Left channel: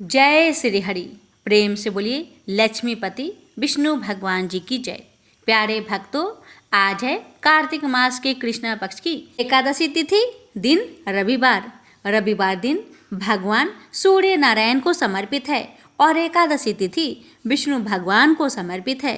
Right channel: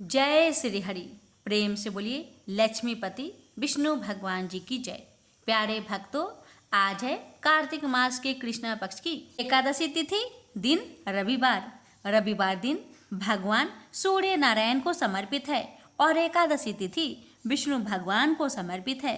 जय श्री हरि। प्रेम से बोलिए लक्ष्मीपति विष्णु भगवान जी की जय। प्यारे भक्तों, आज है कार्तिक मास के कृष्ण पक्ष की एकादशी तिथि, दिन रविवार। रविवार दिन भगवान सूर्य नारायण को समर्पित है और एकादशी तिथि विष्णु भगवान को समर्पित है।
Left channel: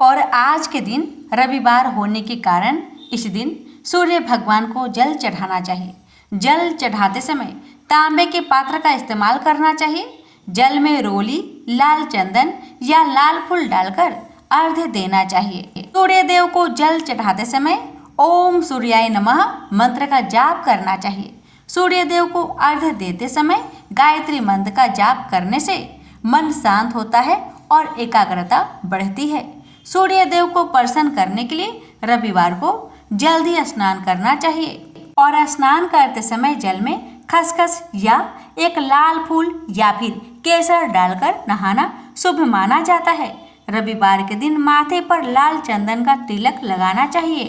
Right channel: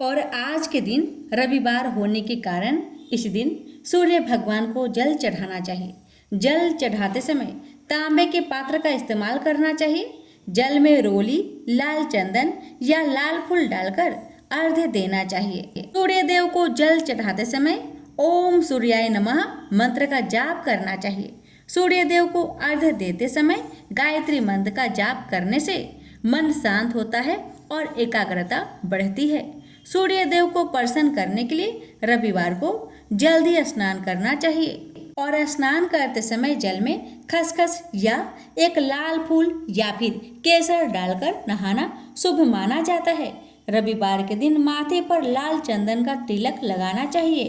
और आज के दिन रविवार होने के कारण इस दिन सूर्य भगवान को जल चढ़ाना चाहिए। जल चढ़ाते समय तांबे के पात्र का इस्तेमाल करना चाहिए। जल में रोली, लाल चंदन या लाल फूल डालकर अर्घ्य देना चाहिए। सूर्य देव को जल चढ़ाते समय ओम सूर्याय नमः मंत्र का जाप करना चाहिए। सूर्य देव को अर्घ्य देते समय गायत्री मंत्र का जाप करने से मन शांत होता है और एकाग्रता बढ़ती है। सूर्य देव को प्रसन्न करने के लिए रविवार को जल्दी स्नान करना चाहिए और स्नान करते समय जल में खसखस या एक लाल फूल या फिर केसर डालकर नहाना शुभ माना जाता है। रविवार के दिन माथे पर लाल चंदन का तिलक लगाना चाहिए।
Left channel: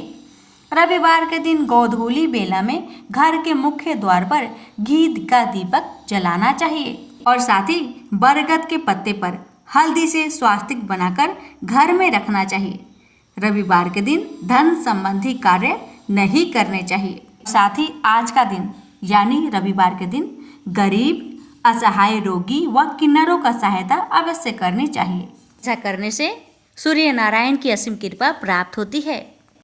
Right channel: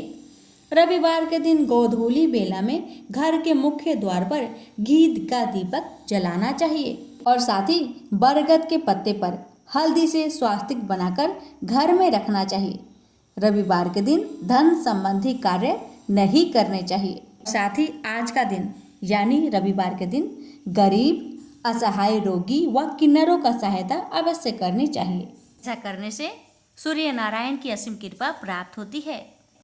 रविवार के दिन गोधूली बेला में घर के मुख्य द्वार पर घी का दीपक जलाना चाहिए और साथ ही बरगद के पत्ते पर हल्दी से स्वास्तिक बनाकर घर में रखना चाहिए। रविवार के दिन धन संबंधी कार्य नहीं करने चाहिए। साथ ही आज का दिन यानी रविवार के दिन गरीब, असहाय रोगी व किन्नरों का सहायता अवश्य करनी चाहिए। ऐसा करने से सूर्य नारायण की असीम कृपा प्राप्त होती है।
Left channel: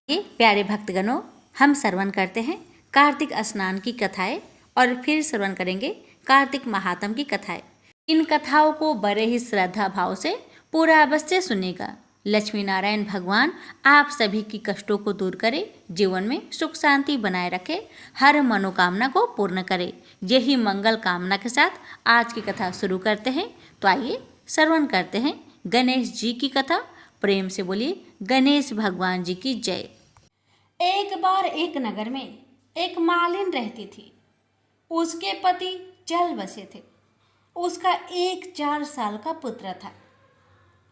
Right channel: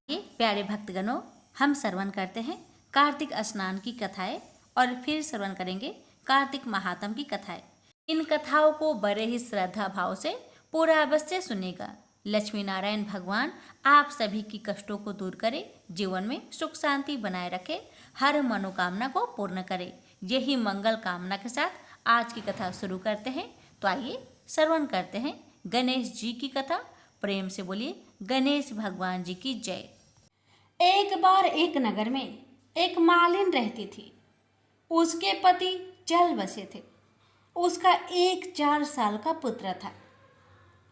ये प्यारे भक्तगणों, हम श्रवण करते हैं कार्तिक स्नान की कथाएं और फिर श्रवण करेंगे कार्तिक महात्म की कथाएं। इन कथाओं को बड़े ही श्रद्धा भाव से पूरा अवश्य सुनेगा। लक्ष्मी नारायण भगवान आप सभी की कष्टों को दूर करे, जीवन में सुख शांति बनाए रखे, हर मनोकामना को पूर्ण करे। यही मंगल कामना के साथ आज की कथा शुरू करते हैं। तो आइए श्रवण करते हैं गणेश जी की कथा। प्रेम से बोलिए गणेश भगवान जी की जय। एक बार एक नगर में एक मालिन रहती थी। उसके पति चल बसे थे। उसका एक 4 साल का पुत्र था।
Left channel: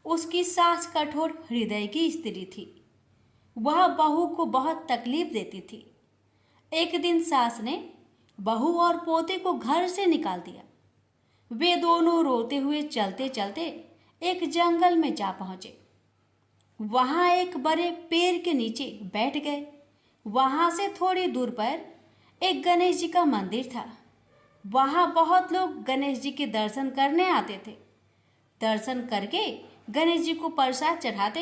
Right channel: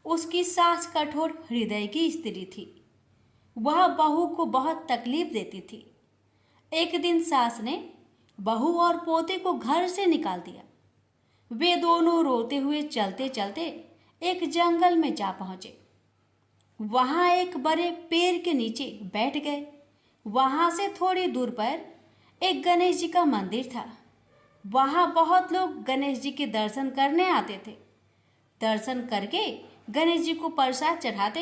उसकी सास कठोर हृदय की स्त्री थी। वह बहू को बहुत तकलीफ देती थी। एक दिन सास ने बहू और पोते को घर से निकाल दिया। वे दोनों रोते हुए चलते चलते एक जंगल में जा पहुंचे। वहां एक बड़े पेड़ के नीचे बैठ गए। वहां से थोड़ी दूर पर एक गणेश जी का मंदिर था। वहां बहुत लोग गणेश जी के दर्शन करने आते थे। दर्शन करके गणेश जी को प्रसाद चढ़ाते,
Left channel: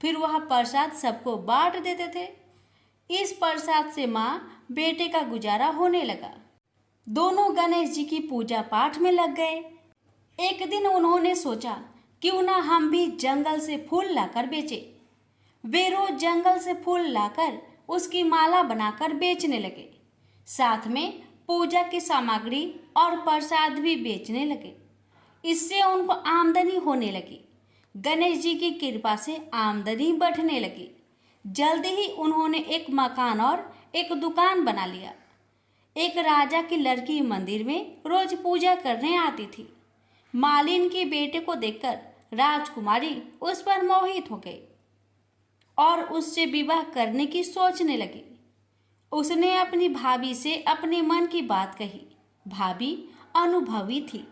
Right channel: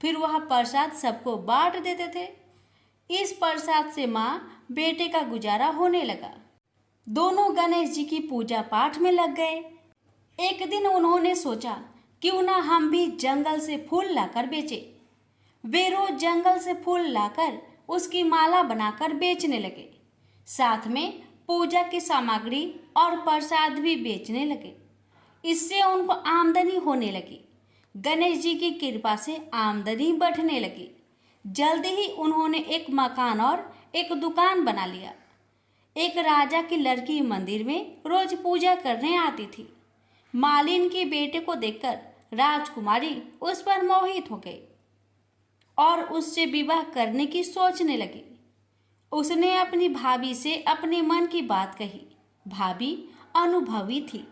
फिर वह प्रसाद सबको बांट देते थे। इस प्रसाद से माँ बेटे का गुजारा होने लगा। दोनों गणेश जी की पूजा पाठ में लग गए। एक दिन उन्होंने सोचा क्यों ना हम भी जंगल से फूल लाकर बेचे। वे रोज जंगल से फूल लाकर उसकी माला बनाकर बेचने लगे। साथ में पूजा की सामग्री और प्रसाद भी बेचने लगे। इससे उनको आमदनी होने लगी। गणेश जी की कृपा से आमदनी बढ़ने लगी। जल्दी ही उन्होंने एक मकान और एक दुकान बना लिया। एक राजा की लड़की मंदिर में रोज पूजा करने आती थी। मालिन के बेटे को देखकर राजकुमारी उस पर मोहित हो गई और उससे विवाह करने की सोचने लगी। उसने अपनी भाभी से अपने मन की बात कही। भाभी अनुभवी थी।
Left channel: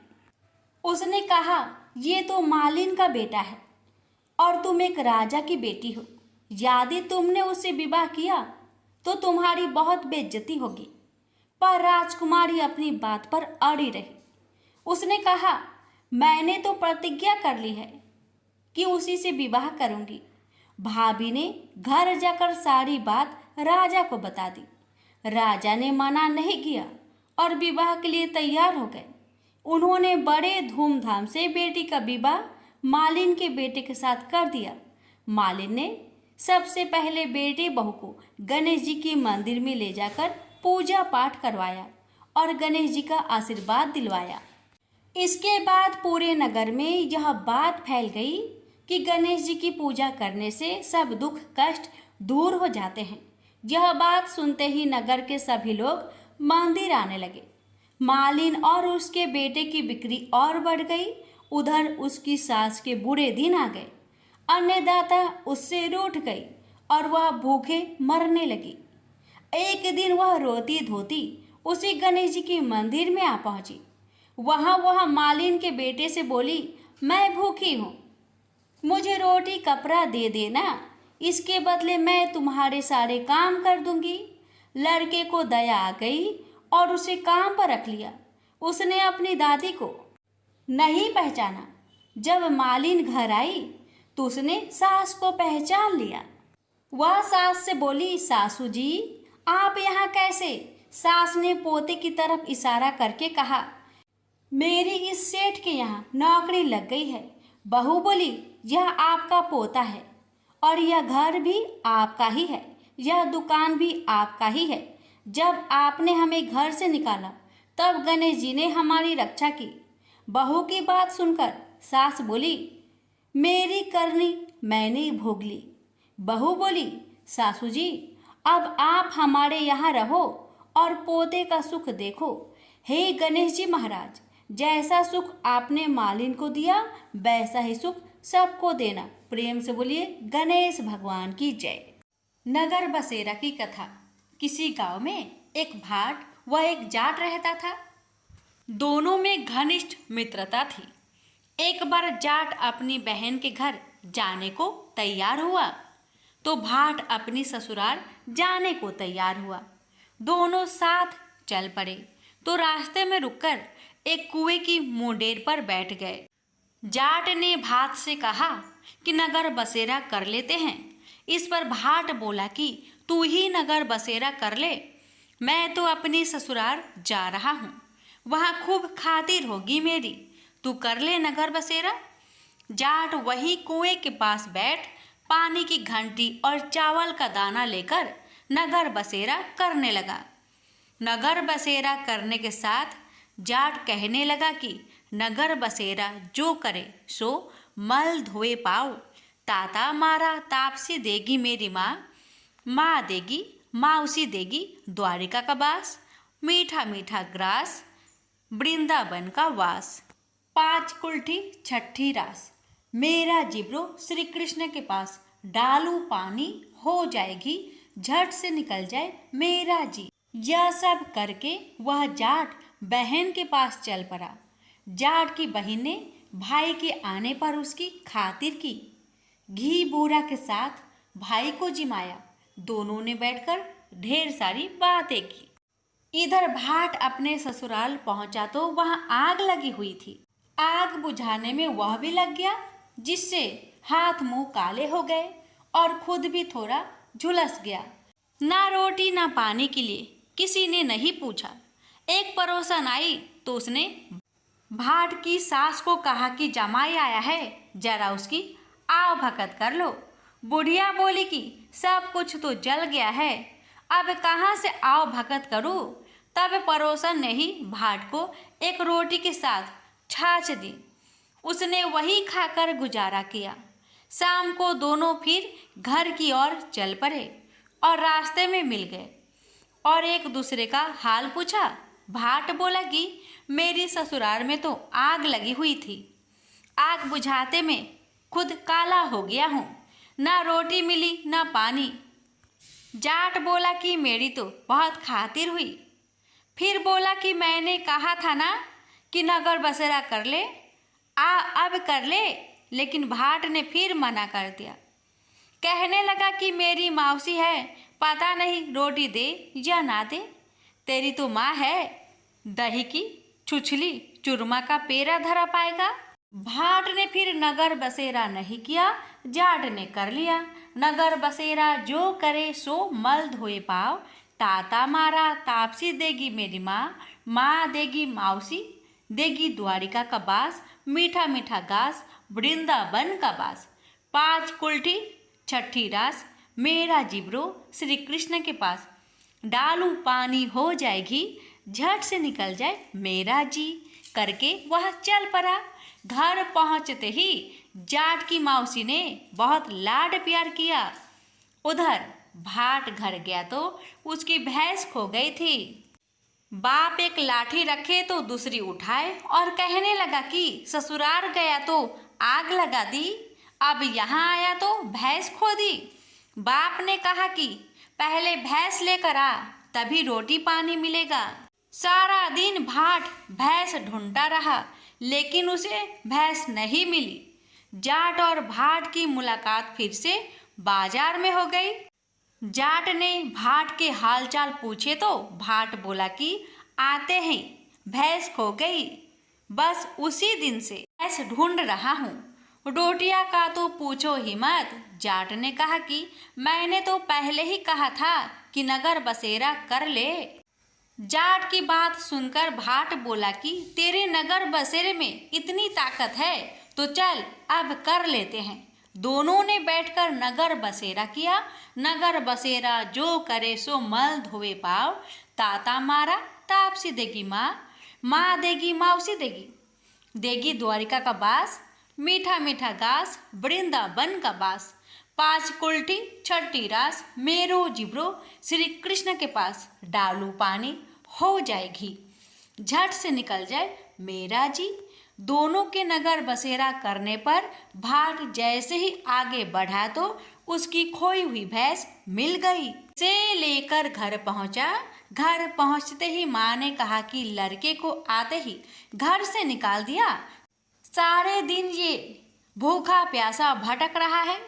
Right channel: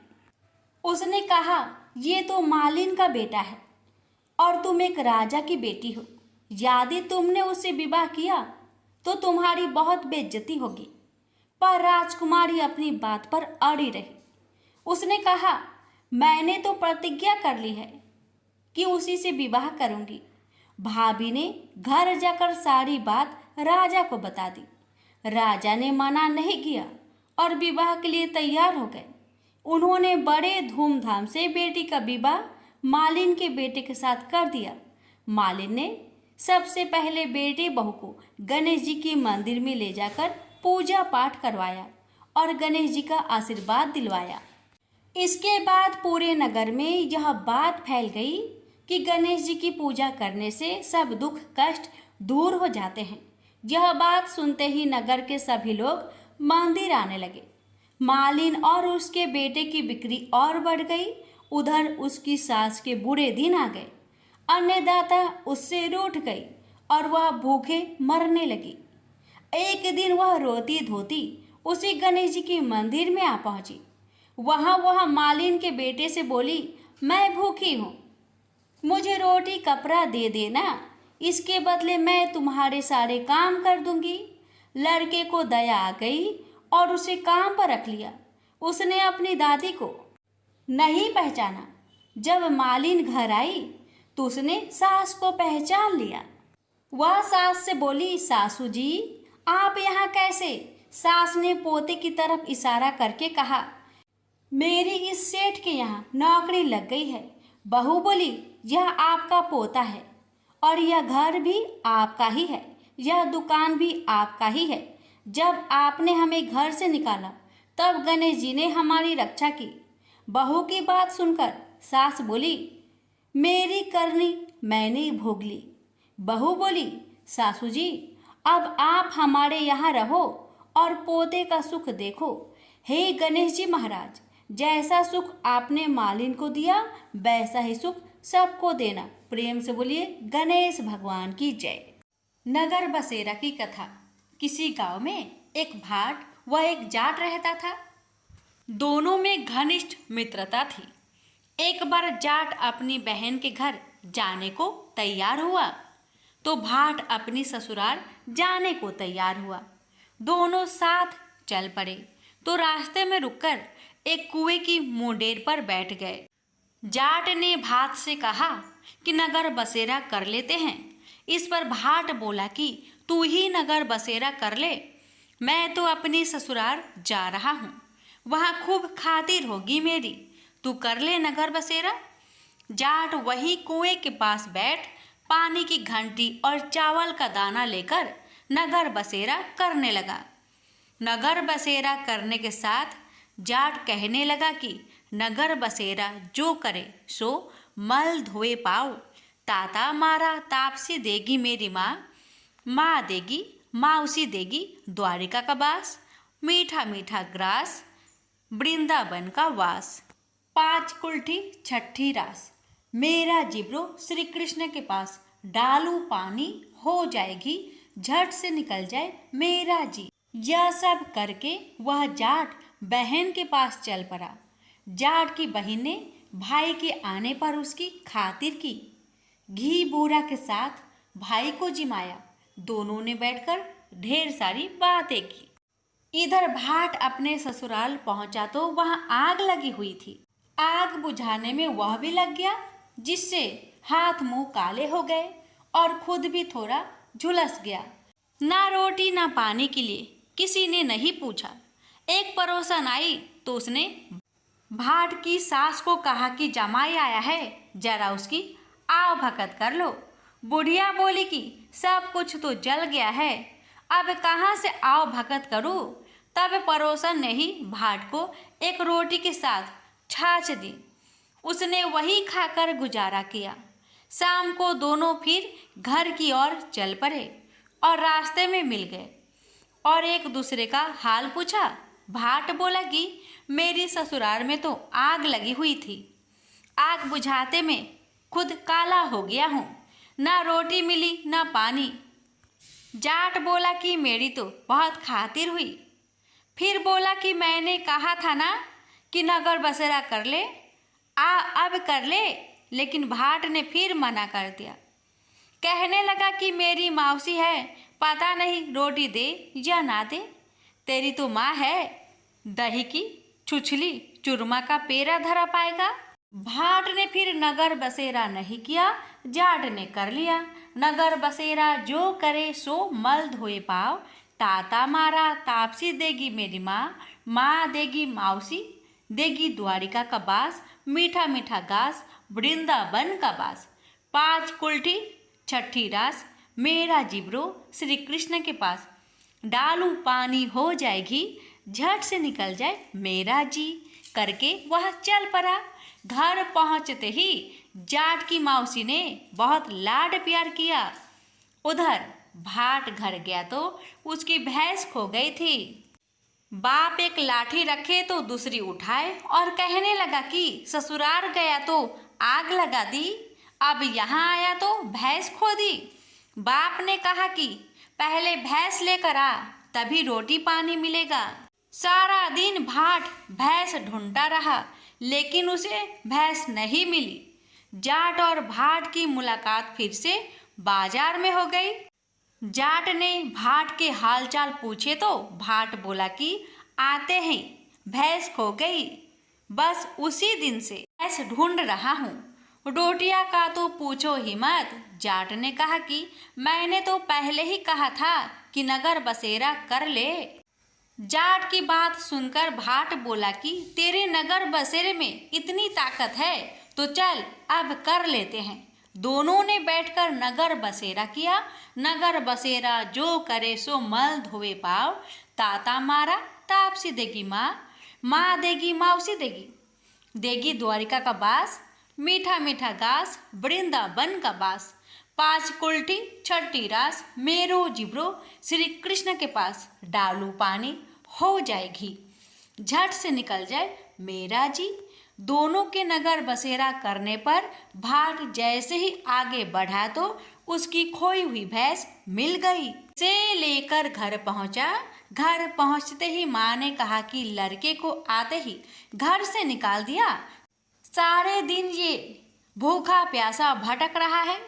उसने कहा, ये तो मालिन का बेटा है और तुम एक राजा की बेटी हो। यदि तुमने उससे विवाह किया तो तुम्हारी बहुत बेइज्जती होगी। पर राजकुमारी अपनी बात पर अड़ी रही। उसने कहा, मैंने तो प्रतिज्ञा कर ली है कि उसी से विवाह करूंगी। भाभी ने घर जाकर सारी बात राजा को बता दी। राजा ने मना नहीं किया और विवाह के लिए तैयार हो गए। उन्होंने बड़े धूमधाम से बेटी का विवाह मालिन के बेटे के साथ कर दिया। मालिन ने सबसे पहले बेटे बहू को गणेश जी की मंदिर में ले जाकर पूजा पाठ करवाया और गणेश जी का आशीर्वाद दिलवाया। इसके बाद पूरे नगर में यह बात फैल गई कि गणेश जी की पूजा करने से सब दुख कष्ट दूर हो जाते हैं। यह बात सुनते ही नगर के सभी लोग मंदिर आने लगे। मालिन और उसके बेटे की बिक्री और बढ़ गई। उधर उसकी सास के बुरे दिन आ गए। अन्नदाता उससे रूठ गई और वह भूखे मरने लगी। एक दिन वह रोती धोती उसी गणेश जी के मंदिर में आ पहुंची। वह मालिन के बेटे से बोली, मैं भूखी हूँ, मुझे रोटी कपड़ा दे देना, इसके बदले मैं तुम्हारे सारे काम कर दूंगी। लड़के को दया आ गई और उसे काम पर रख लिया। उसने अपनी दादी को नहीं पहचाना। जब मालिन घर आई तो उसने सास को पहचान लिया। वह सास से बोली, सासू जी आप यहाँ कैसे? सास ने पोते की तरफ इशारा करके कहा, मेरी इस सेठ के यहाँ नौकरी लग गई है। बहू बोली, यह आपका पोता है और यह घर भी आपका ही है, यह दुकान भी आपका ही है। जब आपने हमें घर से निकाला तब गणेश जी ने हमारी रक्षा की। बहू की बात सुनकर सास बोली, मेरी करनी मैंने भोग ली। बहू बोली, सासू जी अब आप हमारे यहाँ रहो और पोते का सुख देखो। हे गणेश जी महाराज, जैसा सुख आपने मालिन को दिया वैसा ही सुख सबको देना। प्रेम से बोलिए गणेश भगवान की जय। नगर बसेरा की कथा। किसी गांव में एक भाट व एक जाट रहता था। दोनों में घनिष्ठ मित्रता थी। एक बार जाट अपनी बहन के घर जाने को तैयार हुआ तो भाट अपनी ससुराल जाने को तैयार हुआ। दोनों साथ चल पड़े तो रास्ते में रुककर एक कुएं की मुंडेर पर बैठ गए। जाट ने भाट से कहा कि नगर बसेरा कर लेते हैं। इस पर भाट बोला कि तू ही नगर बसेरा कर ले, मैं तो अपनी ससुराल जा रहा हूँ, वहाँ खूब खातिर होगी मेरी, तू कर ले नगर बसेरा। जाट वही कुएं के पास बैठ पानी की घंटी और चावल का दाना लेकर नगर बसेरा करने लगा। नगर बसेरा करने के साथ जाट कहने लगा कि नगर बसेरा जो करे सो मल धोए पाओ। ताता मारा तापसी देगी मेरी माँ, माँ देगी माउसी देगी द्वारिका का बास, मीठा मीठा ग्रास वृंदावन का वास। 5 कुल्ठी छठी रास, मेरा जिब्रो श्री कृष्ण के पास, डालू पानी हो जाएगी झट से निकल जाए मेरा जी। यह सब करके वह जाट बहन के पास चल पड़ा। जाट की बहन ने भाई के आने पर उसकी खातिर की। घी बूरा के साथ भाई को जिमाया। दोनों ने बैठकर ढेर सारी बातें की। इधर भाट अपने ससुराल पहुंचा तो वहां आग लगी हुई थी। आग बुझाने में वह भी लग गया, जिससे हाथ मुंह काले हो गए और खुद भी थोड़ा झुलस गया। ना रोटी ना पानी के लिए किसी ने नहीं पूछा। एक पड़ोसन आई तो उसने भाट की सास को कहा कि जमाई आया है, जरा उसकी आव भगत कर लो। बुढ़िया बोली कि सब कुछ तो जल गया है, अब कहाँ से आव भगत करूँ। तब पड़ोसन ने ही भाट को एक रोटी के साथ छाछ दी। उसने वही खाकर गुजारा किया। शाम को दोनों फिर घर की ओर चल पड़े और रास्ते में मिल गए और एक दूसरे का हाल पूछा। भाट बोला कि मेरी ससुराल में तो आग लगी हुई थी, आग बुझाते में खुद काला हो गया हूँ, ना रोटी मिली ना पानी। जाट बोला कि मेरी तो बहुत खातिर हुई। फिर बोला कि मैंने कहा था ना कि नगर बसेरा कर ले, अब कर ले, लेकिन भाट ने फिर मना कर दिया। कहने लगा कि मेरी मौसी है, पता नहीं रोटी दे या ना दे, तेरी तो माँ है, दही की छुछली चूरमा का पेड़ा धरा पाएगा। भाट ने फिर नगर बसेरा नहीं किया, जाट ने कर लिया। नगर बसेरा जो करे सो मल धोए पाओ। ताता मारा तापसी देगी मेरी माँ, माँ देगी मौसी देगी द्वारिका का बास, मीठा मीठा घास वृंदावन का बास। 5 कुल्ठी छठी रास, मेरा जिब्रो श्री कृष्ण के पास, डालू पानी हो जाएगी झट से निकल जाए मेरा जी। करके वह चल पड़ा। घर पहुंचते ही जाट की मौसी ने बहुत लाड प्यार किया। उधर भाट घर गया तो उसकी भैंस खो गई थी। बाप एक लाठी रखे तो दूसरी उठाए और कहने लगा कि ससुराल गया तो आग लगा दी, अब यहाँ आया तो भैंस खो दी। बाप ने कहा कि पहले भैंस लेकर आ, तभी रोटी पानी मिलेगा। सारा दिन भाट भैंस ढूंढता रहा, लेकिन उसे भैंस नहीं मिली। जाट और भाट की मुलाकात फिर से बाजार में हो गई। जाट ने भाट के हालचाल पूछे तो भाट बोला कि आते हैं, भैंस खो गई, बस उसी दिन से भैंस ढूंढ रहा हूँ। रोटियां का तो पूछो ही मत। जाट ने कहा कि मैंने तो पहले ही कहा था कि नगर बसेरा कर ले। जाट की बात सुनकर भाट बोला कि तेरे नगर बसेरे में इतनी ताकत है तो चल अब कर लेते हैं। दोनों ने बैठकर नगर बसेरा किया। नगर बसेरा जो करे सो मल धोवे पाव, ताता मारा तापसी देगी माँ, माँ देगी मौसी देगी, देगी द्वारिका का बास, मीठा मीठा घास वृंदावन का बास, 5 कुल्ठी छठी रास, मेरो जिब्रो श्री कृष्ण के पास, डालू पानी हो जाए घी, झट से निकल जाए मेरा जी। दोनों के नगर बसेरा करने पर भाट जैसे ही आगे बढ़ा तो उसकी खोई हुई भैंस मिल गई। से लेकर घर पहुंचा। घर पहुंचते ही माँ ने कहा कि लड़के को आते ही घर से निकाल दिया। सारे दिन ये भूखा प्यासा भटक रहा है।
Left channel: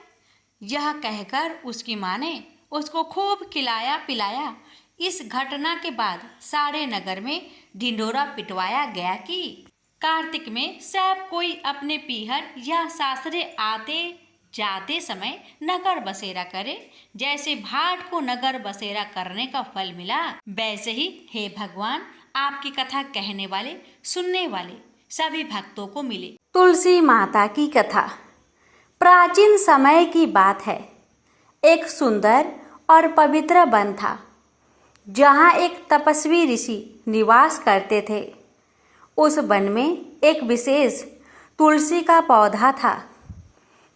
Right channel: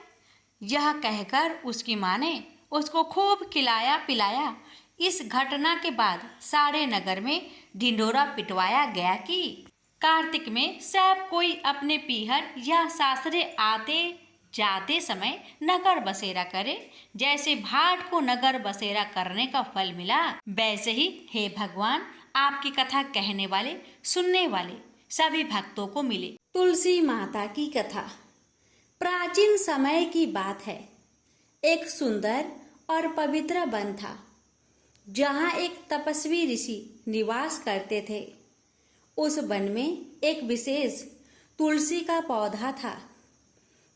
यह कहकर उसकी माँ ने उसको खूब खिलाया पिलाया। इस घटना के बाद सारे नगर में ढिंढोरा पिटवाया गया कि कार्तिक में सब कोई अपने पीहर या सासरे आते जाते समय नगर बसेरा करे। जैसे भाट को नगर बसेरा करने का फल मिला, वैसे ही हे भगवान आपकी कथा कहने वाले सुनने वाले सभी भक्तों को मिले। तुलसी माता की कथा प्राचीन समय की बात है। एक सुंदर और पवित्र वन था, जहाँ एक तपस्वी ऋषि निवास करते थे। उस वन में एक विशेष तुलसी का पौधा था,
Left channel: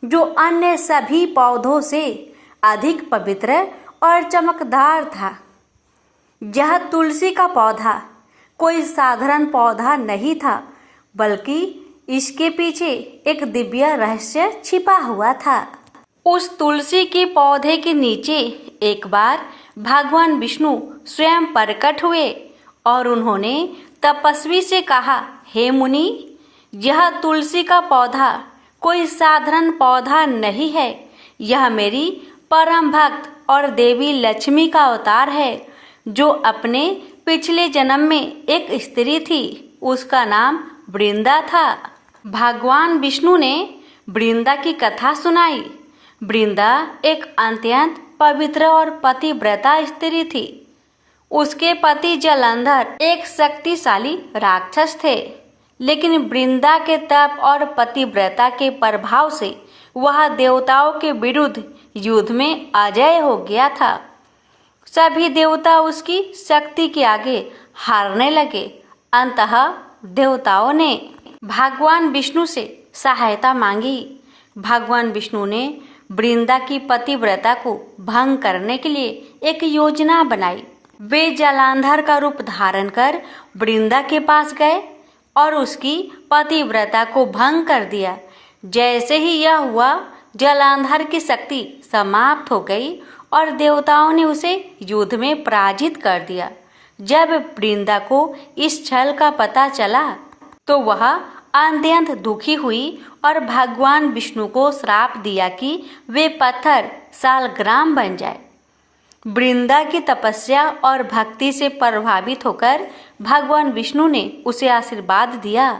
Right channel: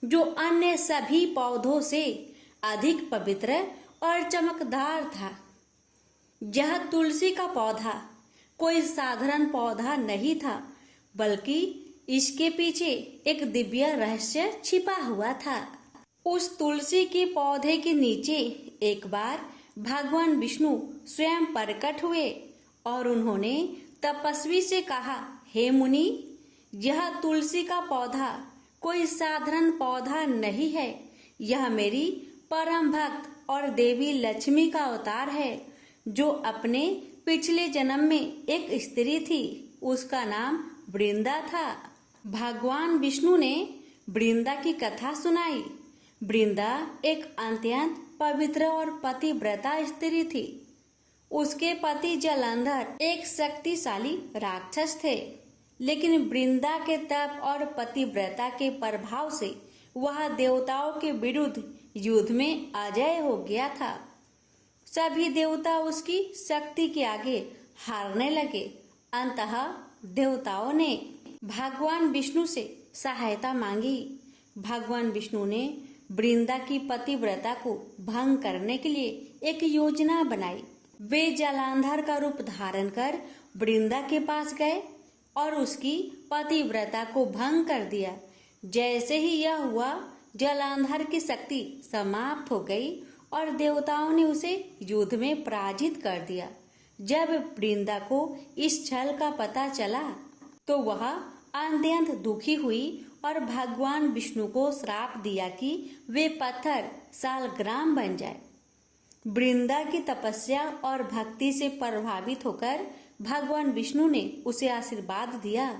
जो अन्य सभी पौधों से अधिक पवित्र और चमकदार था। यह तुलसी का पौधा कोई साधारण पौधा नहीं था, बल्कि इसके पीछे एक दिव्य रहस्य छिपा हुआ था। उस तुलसी के पौधे के नीचे एक बार भगवान विष्णु स्वयं प्रकट हुए और उन्होंने तपस्वी से कहा, हे मुनि, यह तुलसी का पौधा कोई साधारण पौधा नहीं है। यह मेरी परम भक्त और देवी लक्ष्मी का अवतार है, जो अपने पिछले जन्म में एक स्त्री थी। उसका नाम वृंदा था। भगवान विष्णु ने वृंदा की कथा सुनाई। वृंदा एक अत्यंत पवित्र और पतिव्रता स्त्री थी। उसके पति जलंधर एक शक्तिशाली राक्षस थे, लेकिन वृंदा के तप और पतिव्रता के प्रभाव से वह देवताओं के विरुद्ध युद्ध में अजय हो गया था। सभी देवता उसकी शक्ति के आगे हारने लगे। अंततः देवताओं ने भगवान विष्णु से सहायता मांगी। भगवान विष्णु ने वृंदा की पतिव्रता को भंग करने के लिए एक योजना बनाई। वे जलांधर का रूप धारण कर वृंदा के पास गए और उसकी पतिव्रता को भंग कर दिया। जैसे ही यह हुआ, जलांधर की शक्ति समाप्त हो गई और देवताओं ने उसे युद्ध में पराजित कर दिया। जब वृंदा को इस छल का पता चला तो वह अत्यंत दुखी हुई और भगवान विष्णु को श्राप दिया कि वे पत्थर सालग्राम बन जाए। वृंदा की तपस्या और भक्ति से प्रभावित होकर भगवान विष्णु ने उसे आशीर्वाद दिया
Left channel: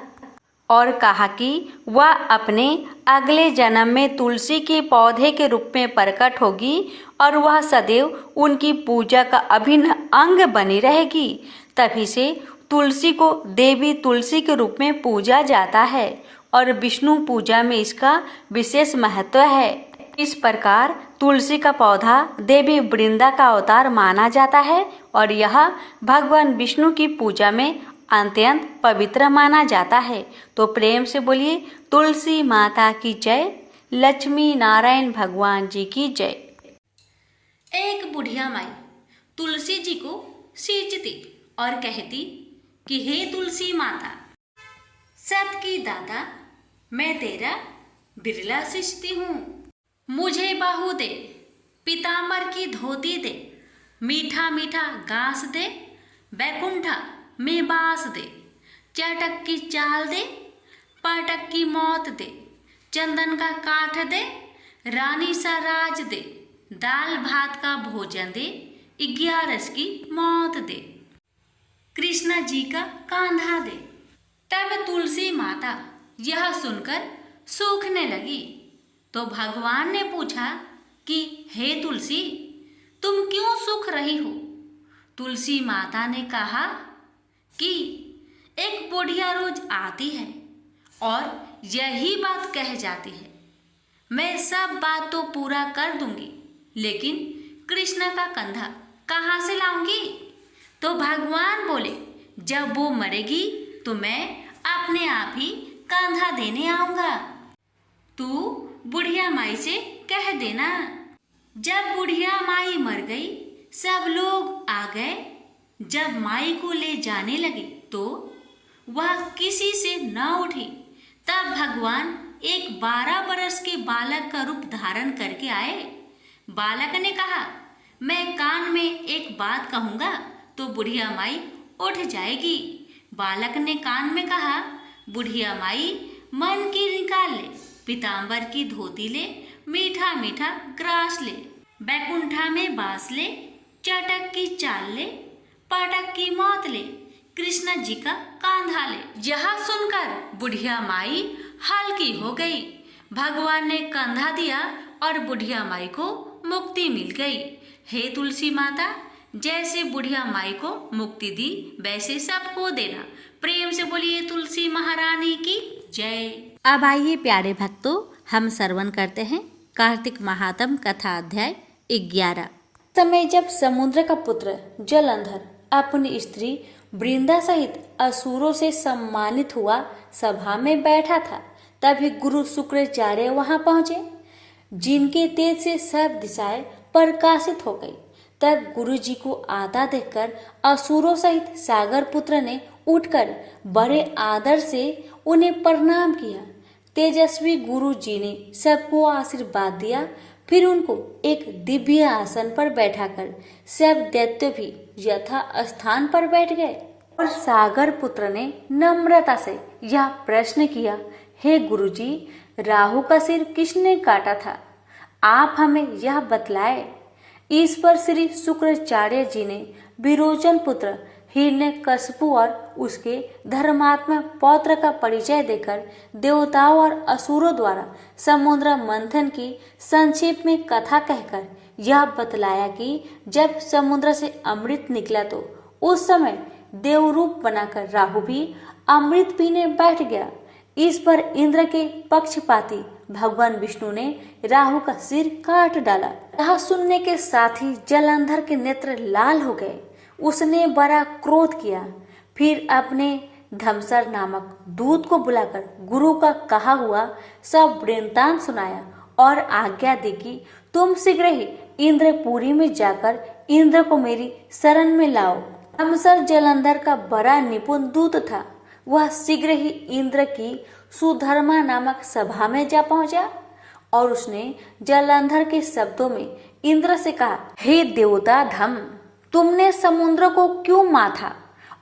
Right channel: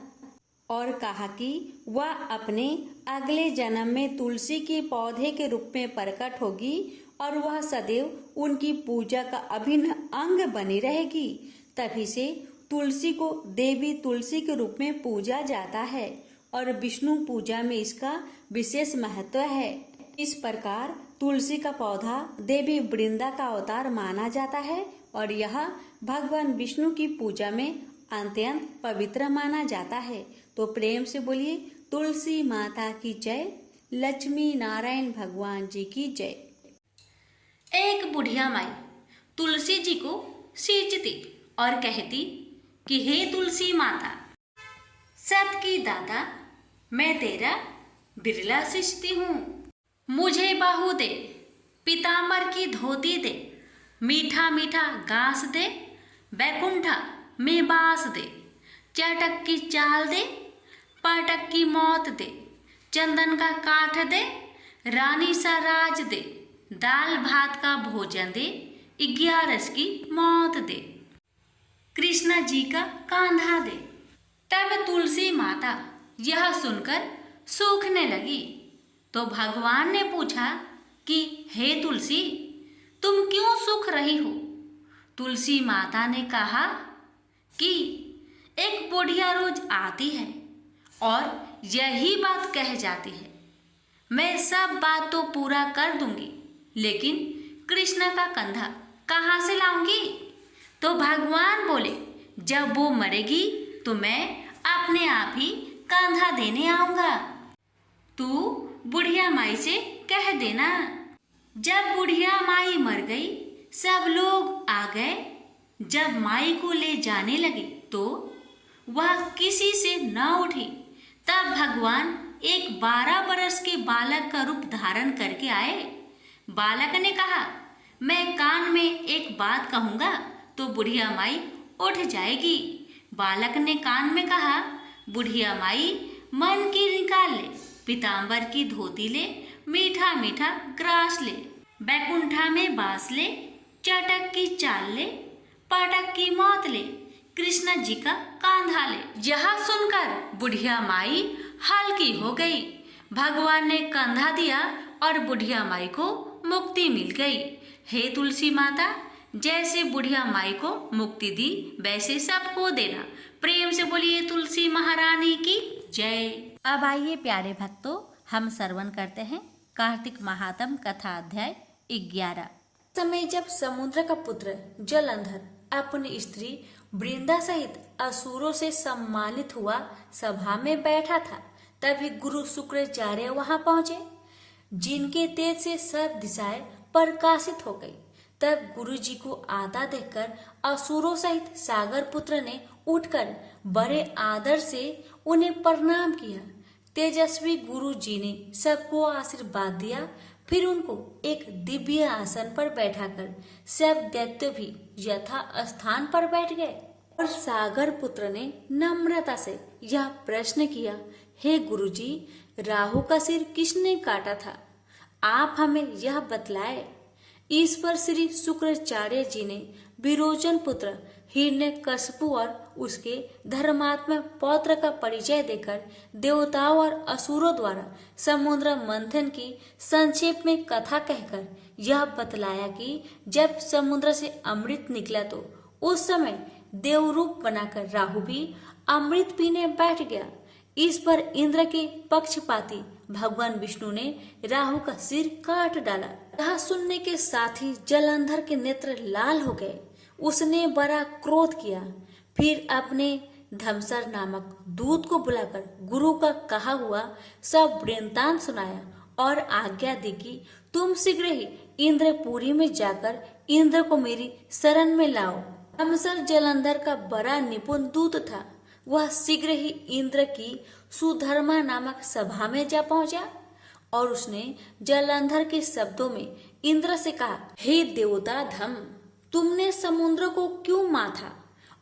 और कहा कि वह अपने अगले जन्म में तुलसी के पौधे के रूप में प्रकट होगी और वह सदैव उनकी पूजा का अभिन्न अंग बनी रहेगी। तभी से तुलसी को देवी तुलसी के रूप में पूजा जाता है और विष्णु पूजा में इसका विशेष महत्व है। इस प्रकार तुलसी का पौधा देवी वृंदा का अवतार माना जाता है और यह भगवान विष्णु की पूजा में अत्यंत पवित्र माना जाता है। तो प्रेम से बोलिए तुलसी माता की जय, लक्ष्मी नारायण भगवान जी की जय। एक बुढ़िया माई तुलसी जी को सींचती और कहती कि हे तुलसी माता, सत की दाता, मैं तेरा बिरला सींचती हूँ। मुझे बाहू दे, पीतांबर की धोती दे, मीठा मीठा घास दे, बैकुंठा में बास दे, चटक की चाल दे, पाटक की मौत दे, चंदन का काठ दे, रानी सा राज दे, दाल भात का भोजन दे, 11 की मौत दे, कृष्णा जी का कांधा दे। तब तुलसी माता यह सुनकर सूखने लगी तो भगवान ने पूछा कि हे तुलसी, तुम क्यों सूख रही हो? तुलसी माता ने कहा कि एक बुढ़िया रोज आती है और यही बात कह जाती है, मैं सब बात तो पूरा कर दूंगी, लेकिन कृष्ण का कंधा कहाँ से लाऊंगी? तो भगवान बोले, जब वो मरेगी तो मैं अपने आप ही कंधा देने आऊंगा। तू बुढ़िया माई से कह देना। जब बुढ़िया माई मर गई, सब लोग आ गए। जब माई को ले जाने लगे तो वह किसी से न उठी। तब भगवान एक 12 बरस के बालक का रूप धारण करके आए। बालक ने कहा, मैं कान में एक बात कहूँगा तो बुढ़िया माई उठ जाएगी। बालक ने कान में कहा, बुढ़िया माई मन की निकाल ले, पीताम्बर की धोती ले, मीठा मीठा ग्रास ले, बैकुंठा में बास ले, चटक की चाल ले, पाटक की मौत ले, कृष्ण जी का कांधा ले। यह सुनकर बुढ़िया माई हल्की हो गई। भगवान ने कंधा दिया और बुढ़िया माई को मुक्ति मिल गई। हे तुलसी माता, जैसे बुढ़िया माई को मुक्ति दी वैसे सबको देना। प्रेम से बोलिए तुलसी महारानी की जय। अब आइए प्यारे भक्तों, हम श्रवण करते हैं कार्तिक महात्म कथा अध्याय 11। समय जब समुद्र का पुत्र जलंधर अपनी स्त्री वृंदा सहित असुरों से सम्मानित हुआ सभा में बैठा था, तभी गुरु शुक्राचार्य वहां पहुंचे, जिनके तेज से सब दिशाएं प्रकाशित हो गई। तब गुरु जी को आता देखकर असुरों सहित सागर पुत्र ने उठकर बड़े आदर से उन्हें प्रणाम किया। तेजस्वी गुरु जी ने सबको आशीर्वाद दिया। फिर उनको एक दिव्य आसन पर बैठाकर सब दैत्य भी यथा स्थान पर बैठ गए और सागर पुत्र ने नम्रता से यह प्रश्न किया, हे गुरुजी, राहु का सिर किसने काटा था? आप हमें यह बतलाए। इस पर श्री शुक्राचार्य जी ने विरोचन पुत्र हिरण्यकशिपु और उसके धर्मात्मा पौत्र का परिचय देकर देवताओं और असुरों द्वारा समुद्र मंथन की संक्षेप में कथा कहकर यह बतलाया कि जब समुद्र से अमृत निकला तो उस समय देवरूप बनाकर राहु भी अमृत पीने बैठ गया। इस पर इंद्र के पक्षपाती भगवान विष्णु ने राहु का सिर काट डाला। यह सुनने के साथ ही जलंधर के नेत्र लाल हो गए। उसने बड़ा क्रोध किया। फिर अपने धमसर नामक दूत को बुलाकर गुरु का कहा हुआ सब वृत्तांत सुनाया और आज्ञा दी कि तुम शीघ्र ही इंद्रपुरी में जाकर इंद्र को मेरी शरण में लाओ। धमसर जलंधर का बड़ा निपुण दूत था। वह शीघ्र ही इंद्र की सुधर्मा नामक सभा में जा पहुंचा और उसने जलंधर के शब्दों में इंद्र से कहा, हे देवता धम, तुमने समुद्र को क्यों माथा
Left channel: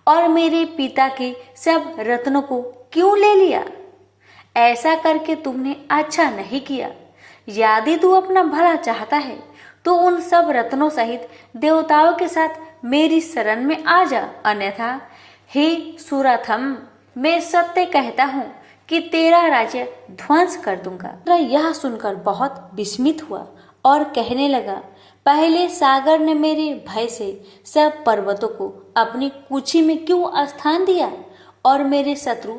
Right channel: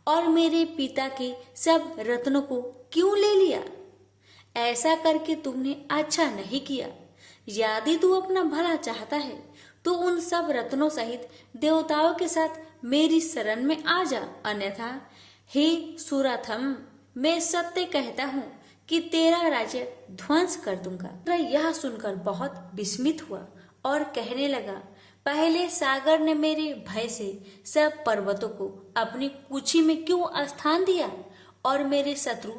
और मेरे पिता के सब रत्नों को क्यों ले लिया? ऐसा करके तुमने अच्छा नहीं किया। यदि तू अपना भला चाहता है तो उन सब रत्नों सहित देवताओं के साथ मेरी शरण में आ जा, अन्यथा हे सुराथम, मैं सत्य कहता हूँ कि तेरा राज्य ध्वंस कर दूंगा। यह सुनकर बहुत विस्मित हुआ और कहने लगा, पहले सागर ने मेरे भय से सब पर्वतों को अपनी कुक्षी में क्यों स्थान दिया और मेरे शत्रु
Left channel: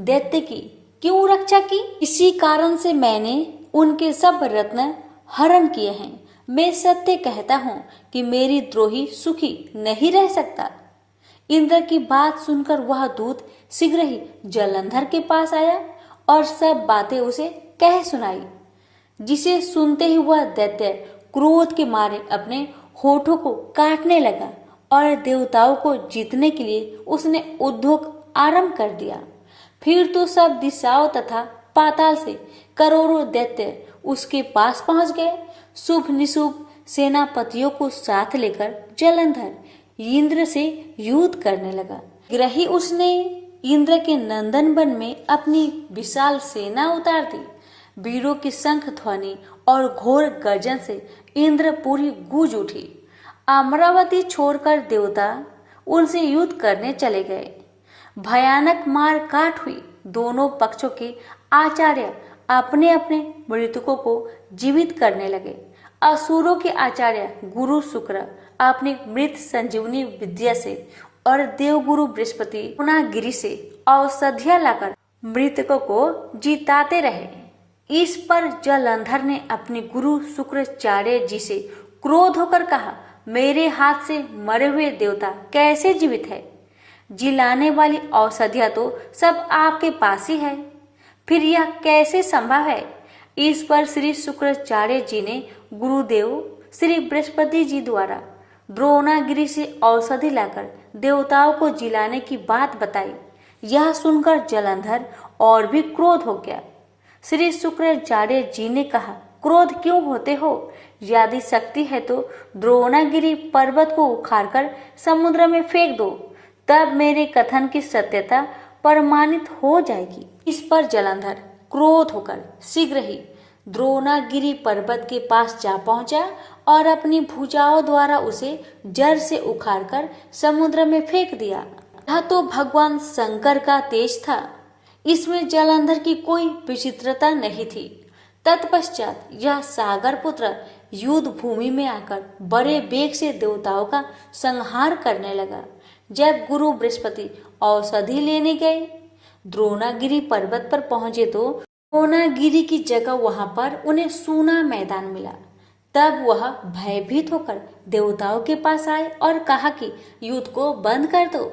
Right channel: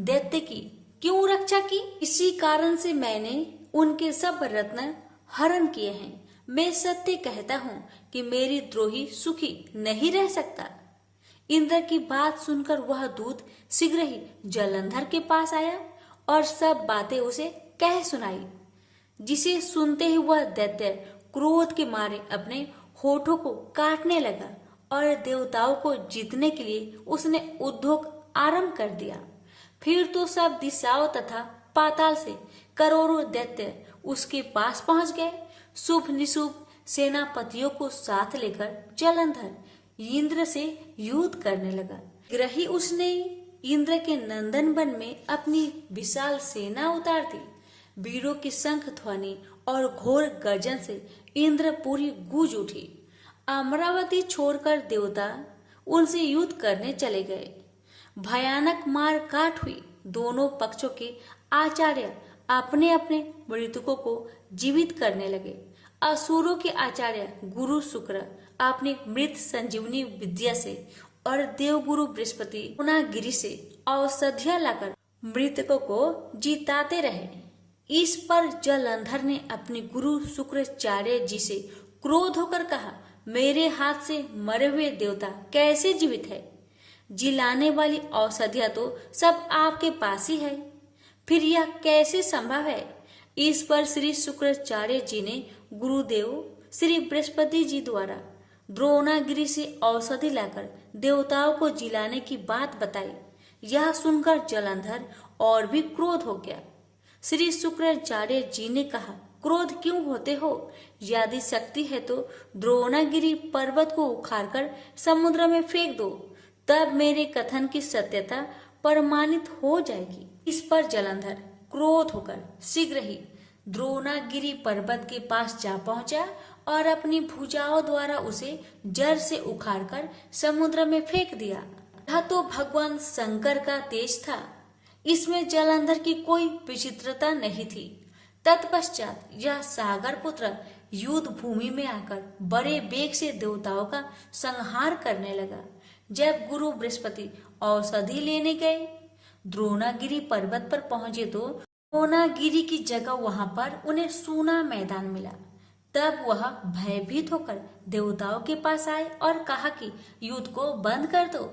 दैत्य की क्यों रक्षा की? इसी कारण से मैंने उनके सब रत्न हरण किए हैं। मैं सत्य कहता हूँ कि मेरी द्रोही सुखी नहीं रह सकता। इंद्र की बात सुनकर वह दूत शीघ्र ही जलंधर के पास आया और सब बातें उसे कह सुनाई, जिसे सुनते ही वह दैत्य क्रोध के मारे अपने होठों को काटने लगा और देवताओं को जीतने के लिए उसने उद्योग आरंभ कर दिया। फिर तो सब दिशाओं तथा पाताल से करोड़ों दैत्य उसके पास पहुंच गए। शुभ निशुभ सेनापतियों को साथ लेकर जलंधर इंद्र से युद्ध करने लगा। ग्रही उसने इंद्र के नंदन वन में अपनी विशाल सेना उतार दी। वीरों की शंख ध्वनि और घोर गर्जन से इंद्रपुरी गूंज उठी। अमरावती छोड़कर देवता उनसे युद्ध करने चले गए। भयानक मार काट हुई। दोनों पक्षों के आचार्य अपने अपने मृतकों को जीवित करने लगे। असुरों के आचार्य गुरु शुक्र अपनी मृत संजीवनी विद्या से और देवगुरु बृहस्पति पूर्णागिरि से औषधियां लाकर मृतकों को जिताते रहे। इस पर जलंधर ने अपने गुरु शुक्राचार्य जी से क्रोध होकर कहा, मेरे हाथ से मरे हुए देवता कैसे जीवित है? जिलाने वाली औषधियां तो सब आपके पास ही है, फिर यह कैसे संभव है? इस पर श्री शुक्राचार्य जी ने गुरुदेव श्री बृहस्पति जी द्वारा द्रोणागिरि से औषधि लाकर देवताओं को जिलाने की बात बताई। यह सुनकर जलंधर और भी क्रोध हो गया। श्री शुक्राचार्य जी ने कहा, क्रोध क्यों होते हो? यदि शक्ति है तो द्रोणागिरि पर्वत को उखाड़कर समुद्र में फेंक दो, तब मेरे कथन की सत्यता प्रमाणित हो जाएगी। इस पर जलंधर क्रोध होकर शीघ्र ही द्रोणागिरि पर्वत के पास जा पहुंचा और अपनी भुजाओं द्वारा उसे जड़ से उखाड़कर समुद्र में फेंक दिया। यह तो भगवान शंकर का तेज था, इसमें जलंधर की कोई विचित्रता नहीं थी। तत्पश्चात यह सागर पुत्र युद्ध भूमि में आकर बड़े वेग से देवताओं का संहार करने लगा। जब गुरु बृहस्पति औषधि लेने गए, द्रोणागिरि पर्वत पर पहुंचे तो द्रोणागिरि की जगह वहां पर उन्हें सूना मैदान मिला। तब वह भयभीत होकर देवताओं के पास आए और कहा कि युद्ध को बंद कर दो,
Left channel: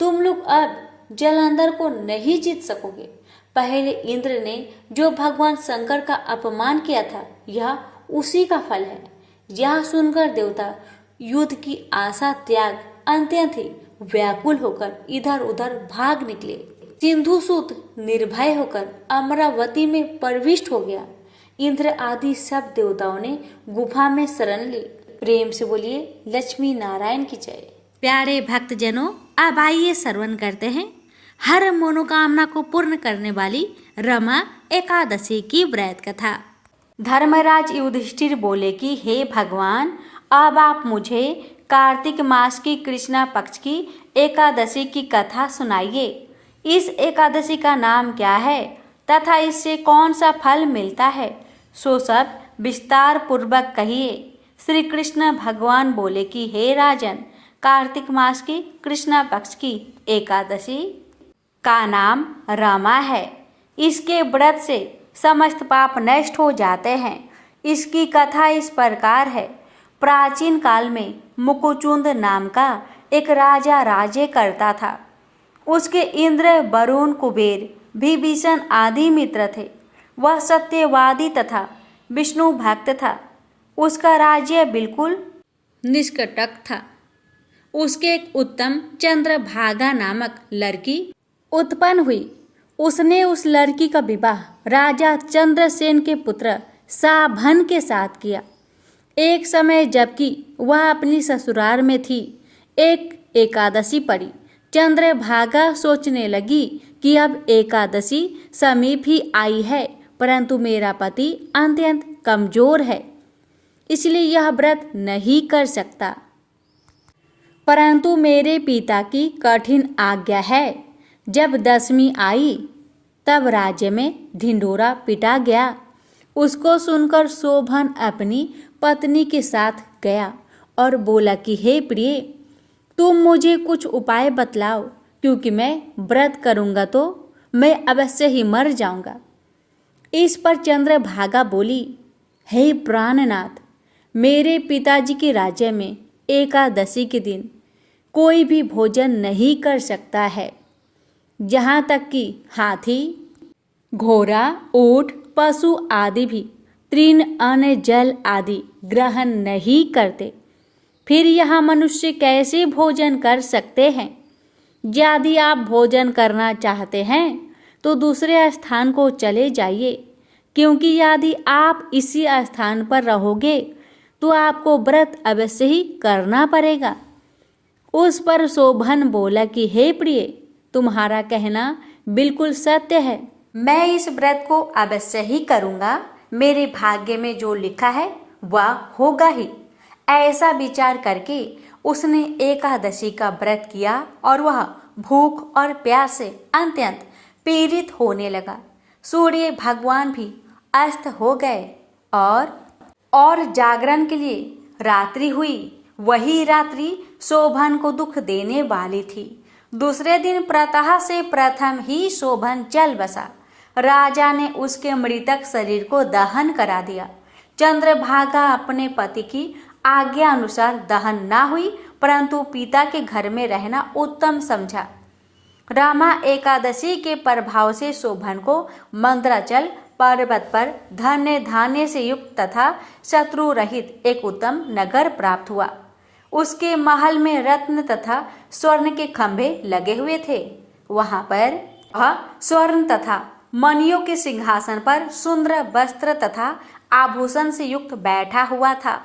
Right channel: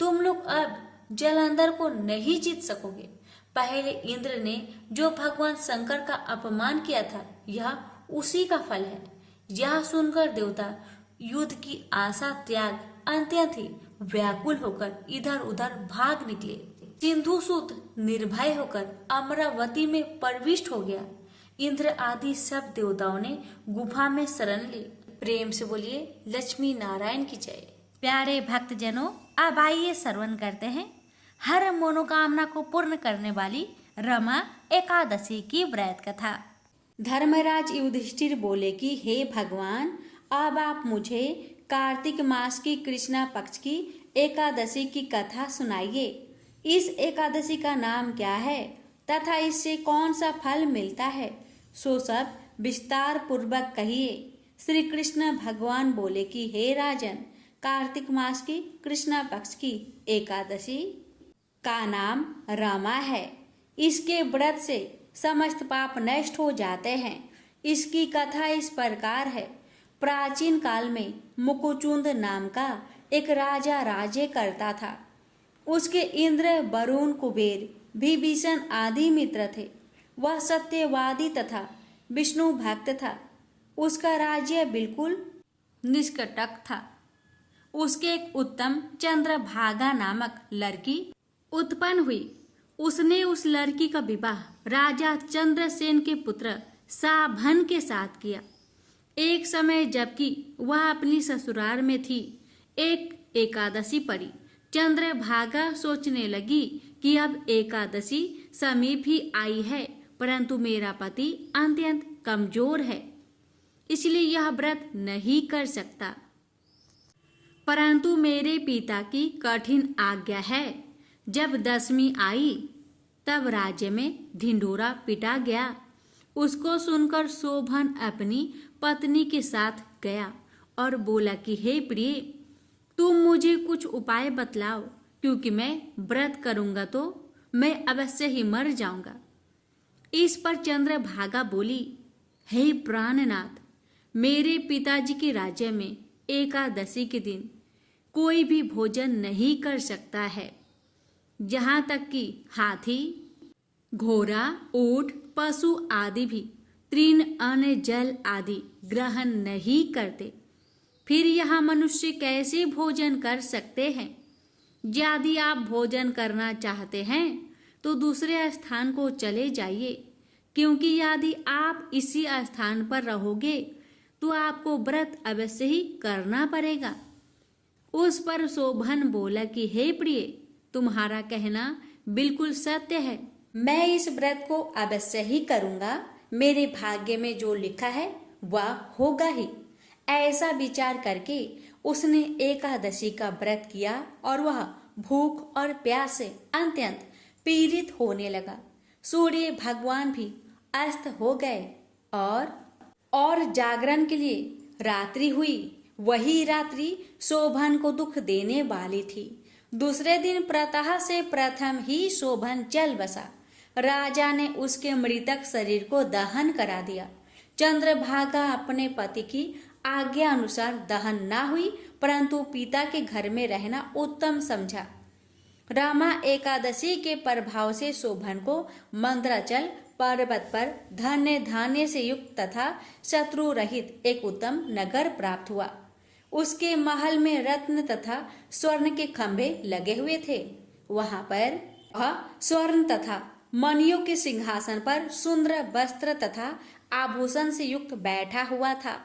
तुम लोग अब जलंधर को नहीं जीत सकोगे। पहले इंद्र ने जो भगवान शंकर का अपमान किया था, यह उसी का फल है। यह सुनकर देवता युद्ध की आशा त्याग अत्यंत ही व्याकुल होकर इधर उधर भाग निकले। सिंधुसुत निर्भय होकर अमरावती में प्रविष्ट हो गया। इंद्र आदि सब देवताओं ने गुफा में शरण ली। प्रेम से बोलिए लक्ष्मी नारायण की जय। प्यारे भक्तजनों, अब आइए श्रवण करते हैं हर मनोकामना को पूर्ण करने वाली रमा एकादशी की व्रत कथा। धर्मराज युधिष्ठिर बोले कि हे भगवान, अब आप मुझे कार्तिक मास की कृष्णा पक्ष की एकादशी की कथा सुनाइए। इस एकादशी का नाम क्या है तथा इससे कौन सा फल मिलता है, सो सब विस्तार पूर्वक कहिए। श्री कृष्ण भगवान बोले कि हे राजन, कार्तिक मास की कृष्णा पक्ष की एकादशी का नाम रमा है। इसके व्रत से समस्त पाप नष्ट हो जाते हैं। इसकी कथा इस प्रकार है। प्राचीन काल में मुकुचुंद नाम का एक राजा राज्य करता था। उसके इंद्र, वरुण, कुबेर, विभीषण आदि मित्र थे। वह सत्यवादी तथा विष्णु भक्त था। उसका राज्य बिल्कुल निष्कंटक था। उसके एक उत्तम चंद्रभागा नामक लड़की उत्पन्न हुई। उसने उस लड़की का विवाह राजा चंद्रसेन के पुत्र साभन के साथ किया। एक समय जबकि वह अपनी ससुराल में थी, एक एकादशी पड़ी। चंद्रभागा सोचने लगी कि अब एकादशी समीप ही आई है, परंतु मेरा पति अत्यंत कमजोर है, इसलिए यह व्रत नहीं कर सकता। परंतु मेरे पिता की कठिन आज्ञा है। जब दशमी आई तब राज्य में ढिंढोरा पिटा गया। उसको सुनकर शोभन अपनी पत्नी के साथ गया और बोला कि हे प्रिय, तुम मुझे कुछ उपाय बतलाओ, क्योंकि मैं व्रत करूंगा तो मैं अवश्य ही मर जाऊंगा। इस पर चंद्रभागा बोली, हे प्राणनाथ, मेरे पिताजी के राज्य में एकादशी के दिन कोई भी भोजन नहीं कर सकता है। यहाँ तक कि हाथी, घोड़ा, ऊंट, पशु आदि भी तृण, अन्न, जल आदि ग्रहण नहीं करते। फिर यहाँ मनुष्य कैसे भोजन कर सकते हैं? यदि आप भोजन करना चाहते हैं तो दूसरे स्थान को चले जाइए, क्योंकि यदि आप इसी स्थान पर रहोगे तो आपको व्रत अवश्य ही करना पड़ेगा। उस पर शोभन बोला कि हे प्रिय, तुम्हारा कहना बिल्कुल सत्य है। मैं इस व्रत को अवश्य ही करूँगा। मेरे भाग्य में जो लिखा है वह होगा ही। ऐसा विचार करके उसने एकादशी का व्रत किया और वह भूख और प्यास से अत्यंत पीड़ित होने लगा। सूर्य भगवान भी अस्त हो गए और जागरण के लिए रात्रि हुई। वही रात्रि शोभन को दुख देने वाली थी। दूसरे दिन प्रातः से प्रथम ही शोभन चल बसा। राजा ने उसके मृतक शरीर को दहन करा दिया। चंद्रभागा अपने पति की आज्ञा अनुसार दहन ना हुई, परंतु पिता के घर में रहना उत्तम समझा। रामा एकादशी के प्रभाव से शोभन को मंद्राचल पर्वत पर धन्य धान्य से युक्त तथा शत्रु रहित एक उत्तम नगर प्राप्त हुआ। उसके महल में रत्न तथा स्वर्ण के खंभे लगे हुए थे। वहां पर स्वर्ण तथा मणियों के सिंहासन पर सुंदर वस्त्र तथा आभूषण से युक्त बैठा हुआ था।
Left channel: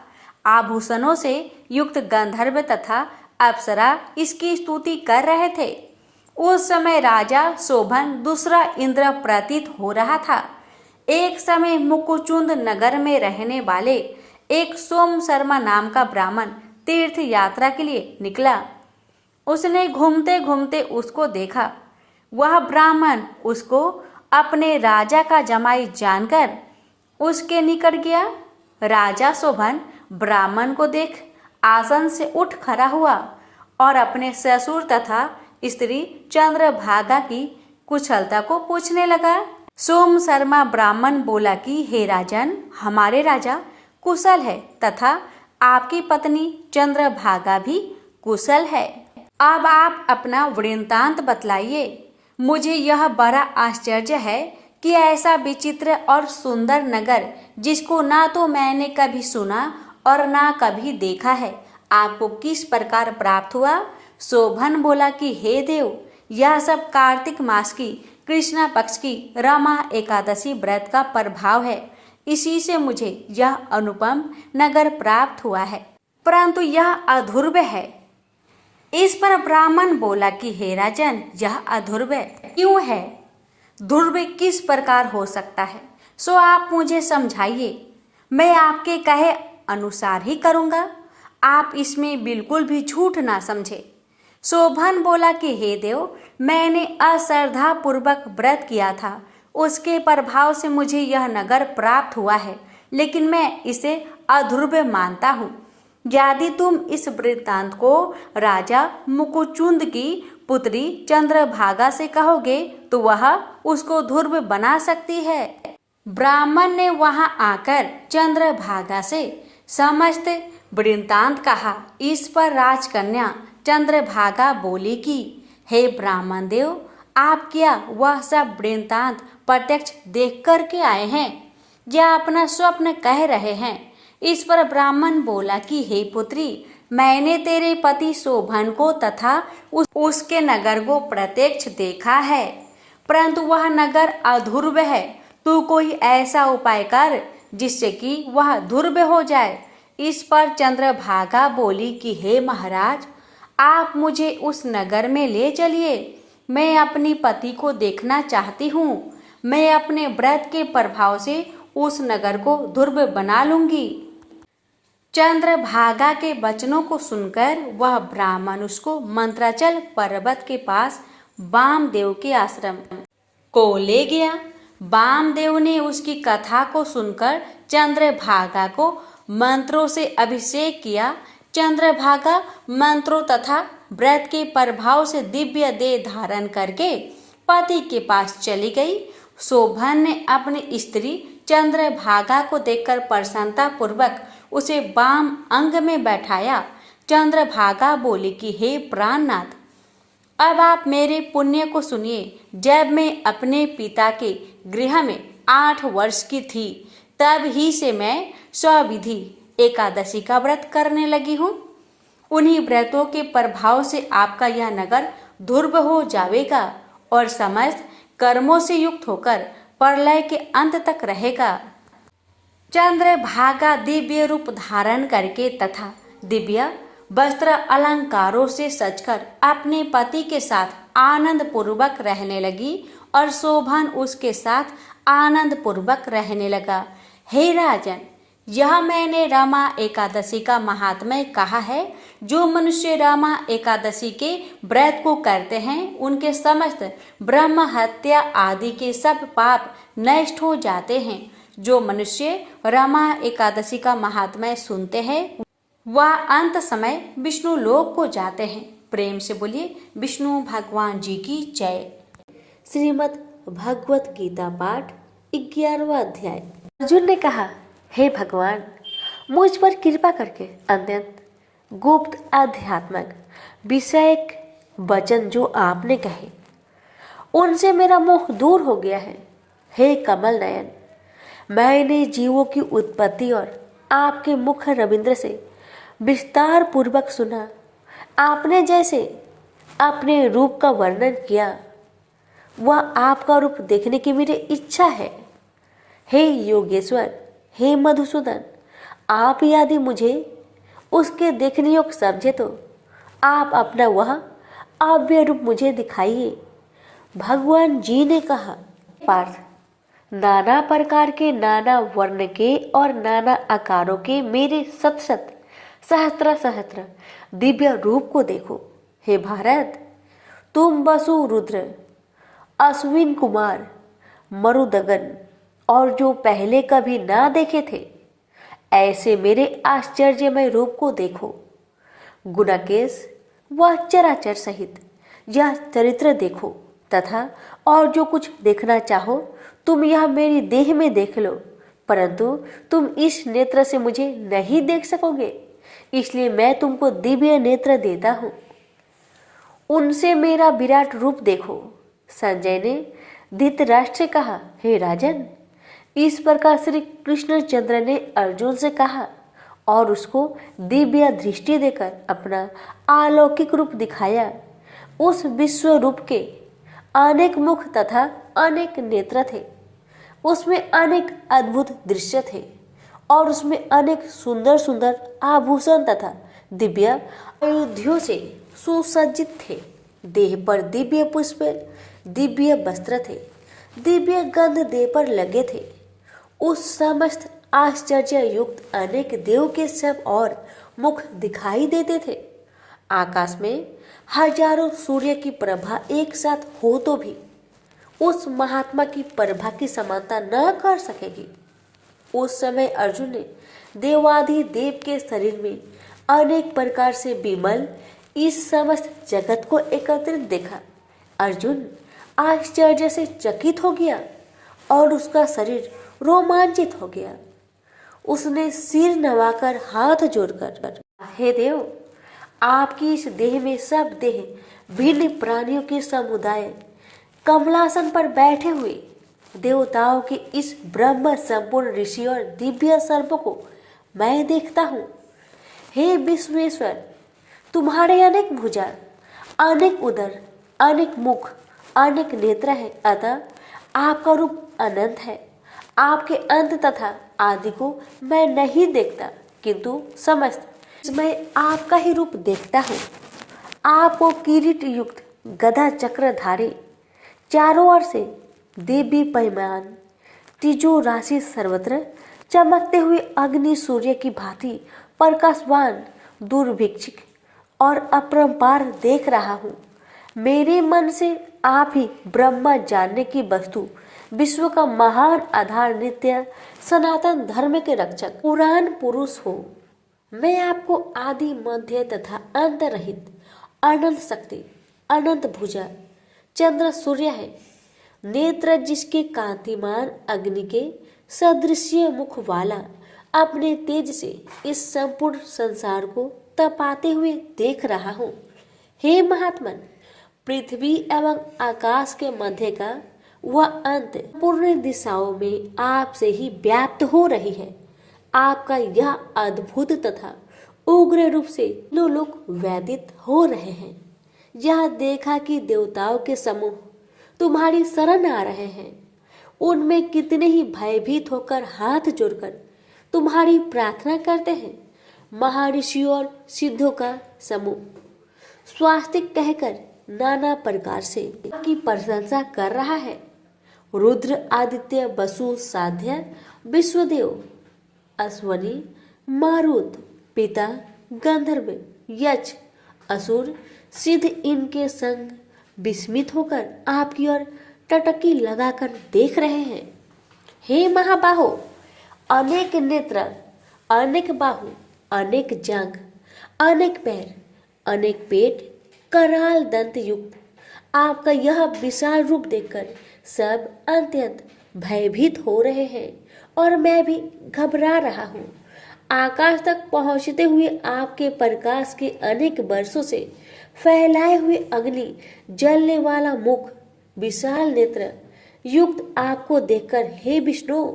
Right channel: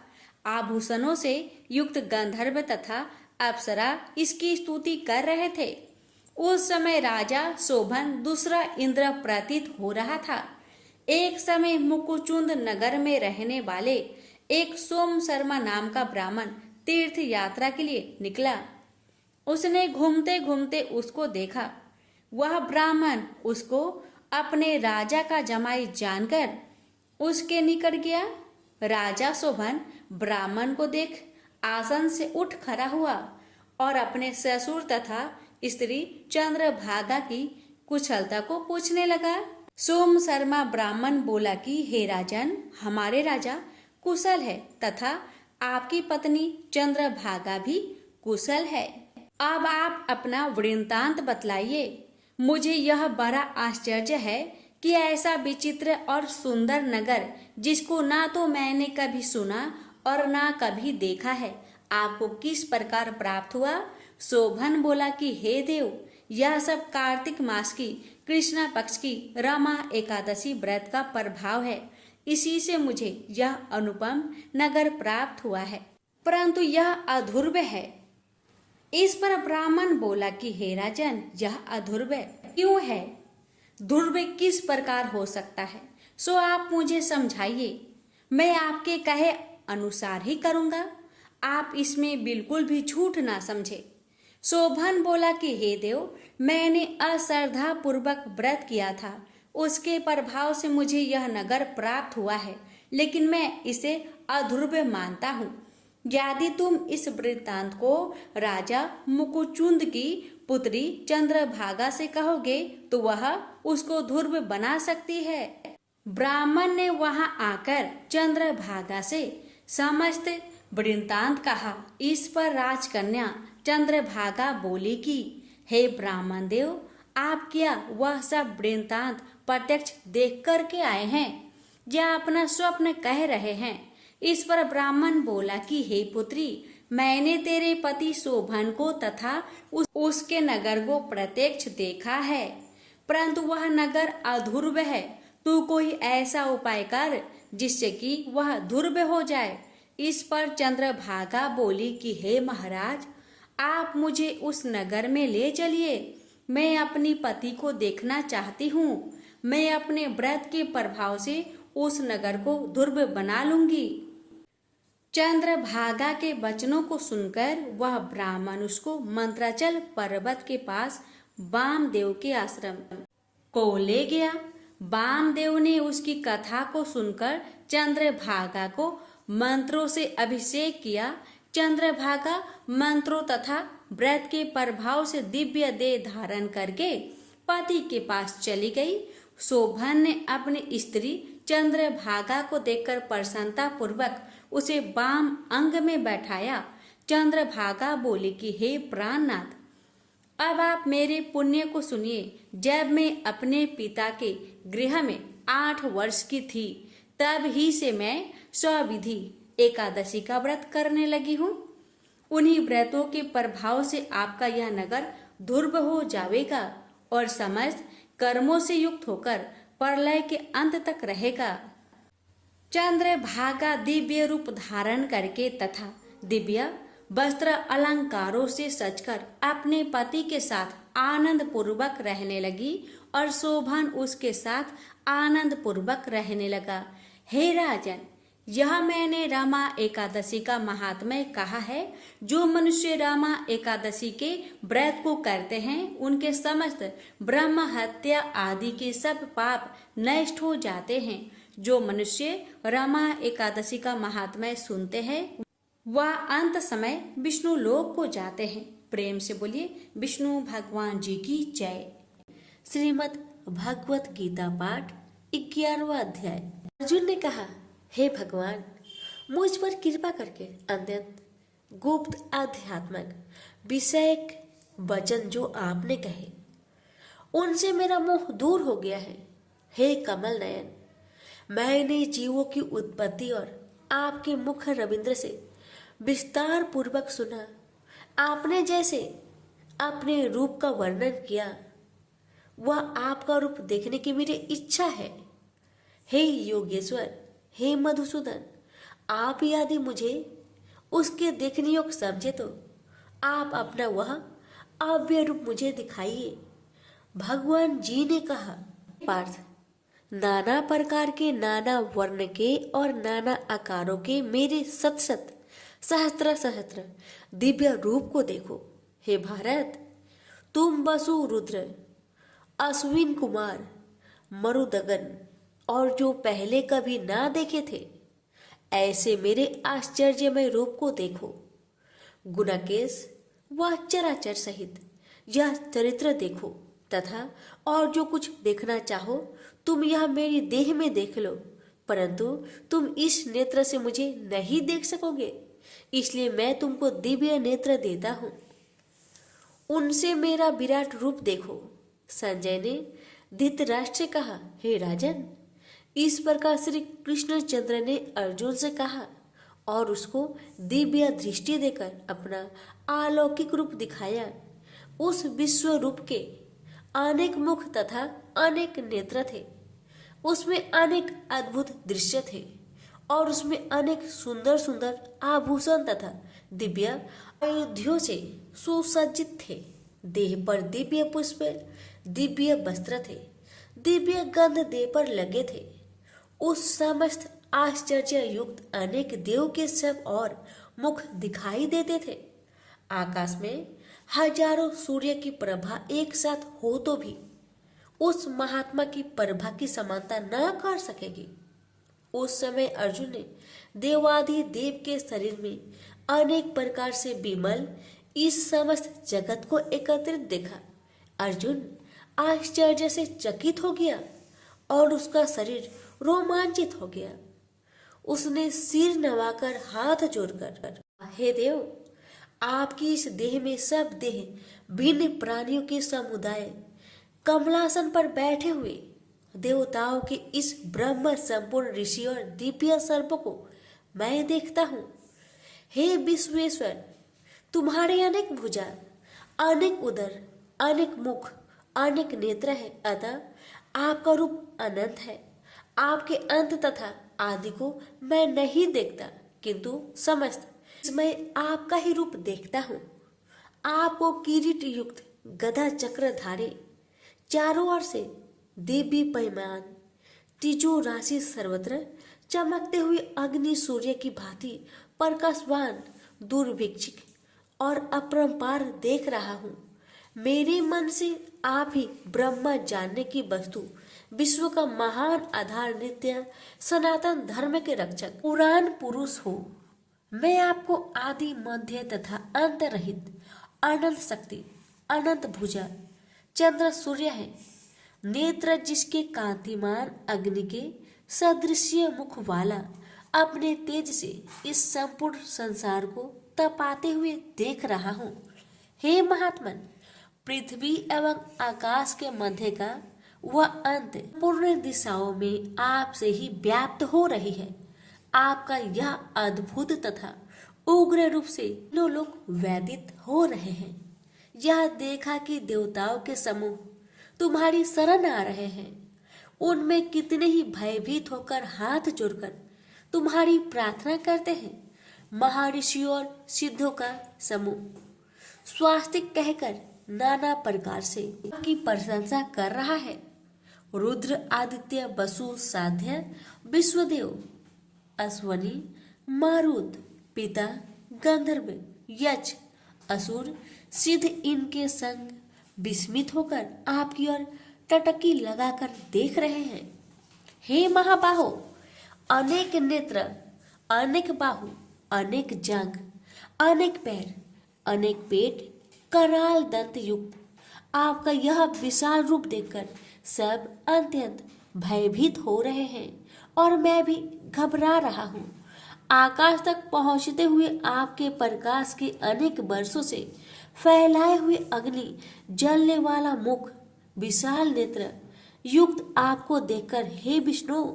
आभूषणों से युक्त गंधर्व तथा अप्सरा इसकी स्तुति कर रहे थे। उस समय राजा शोभन दूसरा इंद्र प्रतीत हो रहा था। एक समय मुकुचुंद नगर में रहने वाले एक सोम शर्मा नाम का ब्राह्मण तीर्थ यात्रा के लिए निकला। उसने घूमते घूमते उसको देखा। वह ब्राह्मण उसको अपने राजा का जमाई जानकर उसके निकट गया। राजा शोभन ब्राह्मण को देख आसन से उठ खड़ा हुआ और अपने ससुर तथा स्त्री चंद्रभागा की कुशलता को पूछने लगा। सोम शर्मा ब्राह्मण बोला कि हे राजन, हमारे राजा कुशल है तथा आपकी पत्नी चंद्रभागा भी कुशल है। अब आप अपना वृत्तांत बतलाइए। मुझे यह बड़ा आश्चर्य है कि ऐसा विचित्र और सुंदर नगर, जिसको ना तो मैंने कभी सुना और ना कभी देखा है, आपको किस प्रकार प्राप्त हुआ। शोभन बोला कि हे देव, यह सब कार्तिक मास की कृष्णा पक्ष की रमा एकादशी व्रत का प्रभाव है। इसी से मुझे यह अनुपम नगर प्राप्त हुआ है, परंतु यह अध्रुव है। इस पर ब्राह्मण बोला कि हे राजन, यह अध्रुव क्यों है? ध्रुव किस प्रकार हो सकता है, सो आप मुझे समझाइए। मैं आपके कहे अनुसार ही करूँगा। आप इसमें बिल्कुल भी झूठ ना समझे। शोभन बोला कि हे देव, मैंने अश्रद्धा पूर्वक व्रत किया था, उसके प्रभाव से मुझे यह नगर प्राप्त हुआ है, लेकिन मैं इसे अध्रुव मानता हूँ। यदि तुम इस वृत्तांत को राजा मुकुचुंद की पुत्री चंद्रभागा से कहोगे तो वह उसको ध्रुव बना सकती है। ब्राह्मण ने वहां आकर चंद्रभागा से समस्त वृत्तांत कहा। इस पर राजकन्या चंद्रभागा बोली कि हे ब्राह्मण देव, आप क्या वह सब वृत्तांत प्रत्यक्ष देख कर के आए हैं या अपना स्वप्न कह रहे हैं? इस पर ब्राह्मण बोला कि हे पुत्री, मैंने तेरे पति शोभन को तथा उसके नगर को प्रत्यक्ष देखा है, परंतु वह नगर अध्रुव है। तू कोई ऐसा उपाय कर जिससे कि वह ध्रुव हो जाए। इस पर चंद्रभागा बोली कि हे महाराज, आप मुझे उस नगर में ले चलिए। मैं अपनी पति को देखना चाहती हूँ। मैं अपने व्रत के प्रभाव से उस नगर को ध्रुव बना लूंगी। चंद्रभागा के वचनों को सुनकर वह ब्राह्मण उसको मंत्राचल पर्वत के पास वामदेव के आश्रम को ले गया। वामदेव ने उसकी कथा को सुनकर चंद्रभागा को मंत्रों से अभिषेक किया। चंद्रभागा मंत्रों तथा व्रत के प्रभाव से दिव्य देह धारण करके पति के पास चली गई। शोभन ने अपनी स्त्री चंद्रभागा को देखकर प्रसन्नता पूर्वक उसे वाम अंग में बैठाया। चंद्रभागा बोली कि हे प्राणनाथ, अब आप मेरे पुण्य को सुनिए। जब मैं अपने पिता के गृह में 8 वर्ष की थी, तब ही से मैं स्वविधि एकादशी का व्रत करने लगी हूँ। उन्हीं व्रतों के प्रभाव से आपका यह नगर ध्रुव हो जाएगा और समस्त कर्मों से युक्त होकर प्रलय के अंत तक रहेगा। चंद्रभागा दिव्य रूप धारण करके तथा दिव्य वस्त्र अलंकारों से सजकर अपने पति के साथ आनंद पूर्वक रहने लगी और शोभन उसके साथ आनंद पूर्वक रहने लगा। हे राजन, यह मैंने रमा एकादशी का महात्म्य कहा है। जो मनुष्य रमा एकादशी के व्रत को करते हैं उनके समस्त ब्रह्म हत्या आदि के सब पाप नष्ट हो जाते हैं। जो मनुष्य रमा एकादशी का महात्म्य सुनते हैं वह अंत समय विष्णु लोक को जाते हैं। प्रेम से बोलिए विष्णु भगवान जी की जय। श्रीमद् भगवत गीता पाठ 11वां अध्याय। अर्जुन ने कहा, हे भगवान, मुझ पर कृपा करके अत्यंत गुप्त आध्यात्मिक विषयक वचन जो आपने कहे उनसे मेरा मोह दूर हो गया है। हे कमल नयन, मैंने जीवों की उत्पत्ति और आपके मुख रविंद्र से विस्तार पूर्वक सुना। आपने जैसे अपने रूप का वर्णन किया वह आपका रूप देखने की मेरी इच्छा है। हे योगेश्वर, हे मधुसूदन, आप यदि मुझे उसके देखने योग्य समझे तो आप अपना वह अव्यय रूप मुझे दिखाइए। भगवान जी ने कहा, पार्थ, नाना प्रकार के, नाना वर्ण के और नाना आकारों के मेरे शत शत सहस्त्र सहस्त्र दिव्य रूप को देखो। हे भारत, तुम वसु, रुद्र, अश्विन कुमार, मरुदगन और जो पहले कभी ना देखे थे ऐसे मेरे आश्चर्यमय रूप को देखो। गुणाकेश व चराचर सहित यह चरित्र देखो तथा और जो कुछ देखना चाहो तुम यह मेरी देह में देख लो, परंतु तुम इस नेत्र से मुझे नहीं देख सकोगे, इसलिए मैं तुमको दिव्य नेत्र देता हूँ। उनसे मेरा विराट रूप देखो। संजय ने धृतराष्ट्र से कहा, हे राजन, इस प्रकार श्री कृष्णचंद्र ने अर्जुन से कहा और उसको दिव्य दृष्टि देकर अपना अलौकिक रूप दिखाया। उस विश्व रूप के अनेक मुख तथा अनेक नेत्र थे, उसमें अनेक अद्भुत दृश्य थे और उसमें अनेक सुंदर सुंदर आभूषण तथा दिव्य आयुधियों से सुसज्जित थे। देह पर दिव्य पुष्प, दिव्य वस्त्र थे, दिव्य गंध देह पर लगे थे। उस समस्त आश्चर्य युक्त अनेक देव के सब और मुख दिखाई देते थे। आकाश में हजारों सूर्य की प्रभा एक साथ हो तो भी उस महात्मा की प्रभा की समानता न कर सकेगी। उस समय अर्जुन ने देवादि देव के शरीर में अनेक प्रकार से विमल इस समस्त जगत को एकत्रित देखा। अर्जुन आश्चर्य से चकित हो गया और उसका शरीर रोमांचित हो गया। उसने सिर नवाकर हाथ जोड़कर, हे देव, आपकी इस देह में सब देह भिन्न प्राणियों के समुदाय कमलासन पर बैठे हुए देवताओं के इस ब्रह्म संपूर्ण ऋषि और दिव्य सर्प को मैं देखता हूँ। हे विश्वेश्वर, तुम्हारे अनेक भुजा, अनेक उदर, अनेक मुख, अनेक नेत्र है, अतः आपका रूप अनंत है। आपके अंत तथा आदि को मैं नहीं देखता, किंतु समस्त मैं आपका ही रूप देखता हूँ। आपको किरीट युक्त गदा चक्र धारे, चारों ओर से दिव्य पैमान, तिजो राशि सर्वत्र चमकते हुए अग्नि सूर्य की भांति प्रकाशवान दुर्भिक्षिक और अपरंपार देख रहा हूँ। मेरे मन से आप ही ब्रह्मा जानने की वस्तु, विश्व का महान आधार, नित्य सनातन धर्म के रक्षक, पुराण पुरुष हो। मैं आपको आदि मध्य तथा अंत रहित अनंत शक्ति, अनंत भुजा, चंद्र सूर्य है। नेत्र जिसके कांतिमान अग्नि के सदृश्य मुख वाला अपने तेज से इस संपूर्ण संसार को तपाते हुए देख रहा हूँ। हे महात्मन, पृथ्वी एवं आकाश के मध्य का वह अंत पूर्ण दिशाओं में आपसे ही व्याप्त हो रही है। आपका यह अद्भुत तथा उग्र रूप से लोक व्यतीत हो रहे हैं। यह देखा कि देवताओं के समूह तुम्हारी शरण आ रहे हैं। उनमें कितने ही भयभीत होकर हाथ जोड़कर तुम्हारी प्रार्थना करते हैं। महर्षि और सिद्धों का समूह स्वास्तिक कहकर नाना प्रकार से आपकी प्रशंसा कर रहा है। रुद्र, आदित्य, वसु, साध्य, विश्वदेव, अश्वनी, मारुत, पिता, गंधर्व, यक्ष, असुर, सिद्ध इनके संग विस्मित होकर आपकी ओर टटकी लगाकर देख रहे हैं। हे महाबाहो, अनेक नेत्र, अनेक बाहु, अनेक जांघ, अनेक पैर, अनेक पेट, कराल दंत युक्त आपका यह विशाल रूप देखकर सब अत्यंत भयभीत हो रहे हैं और मैं भी घबरा रहा हूँ। आकाश तक पहुँचते हुए आपके प्रकाश के अनेक वर्षों से फैलाए हुए अग्नि जलने वाला मुख, विशाल नेत्र युक्त आपको देखकर हे विष्णु,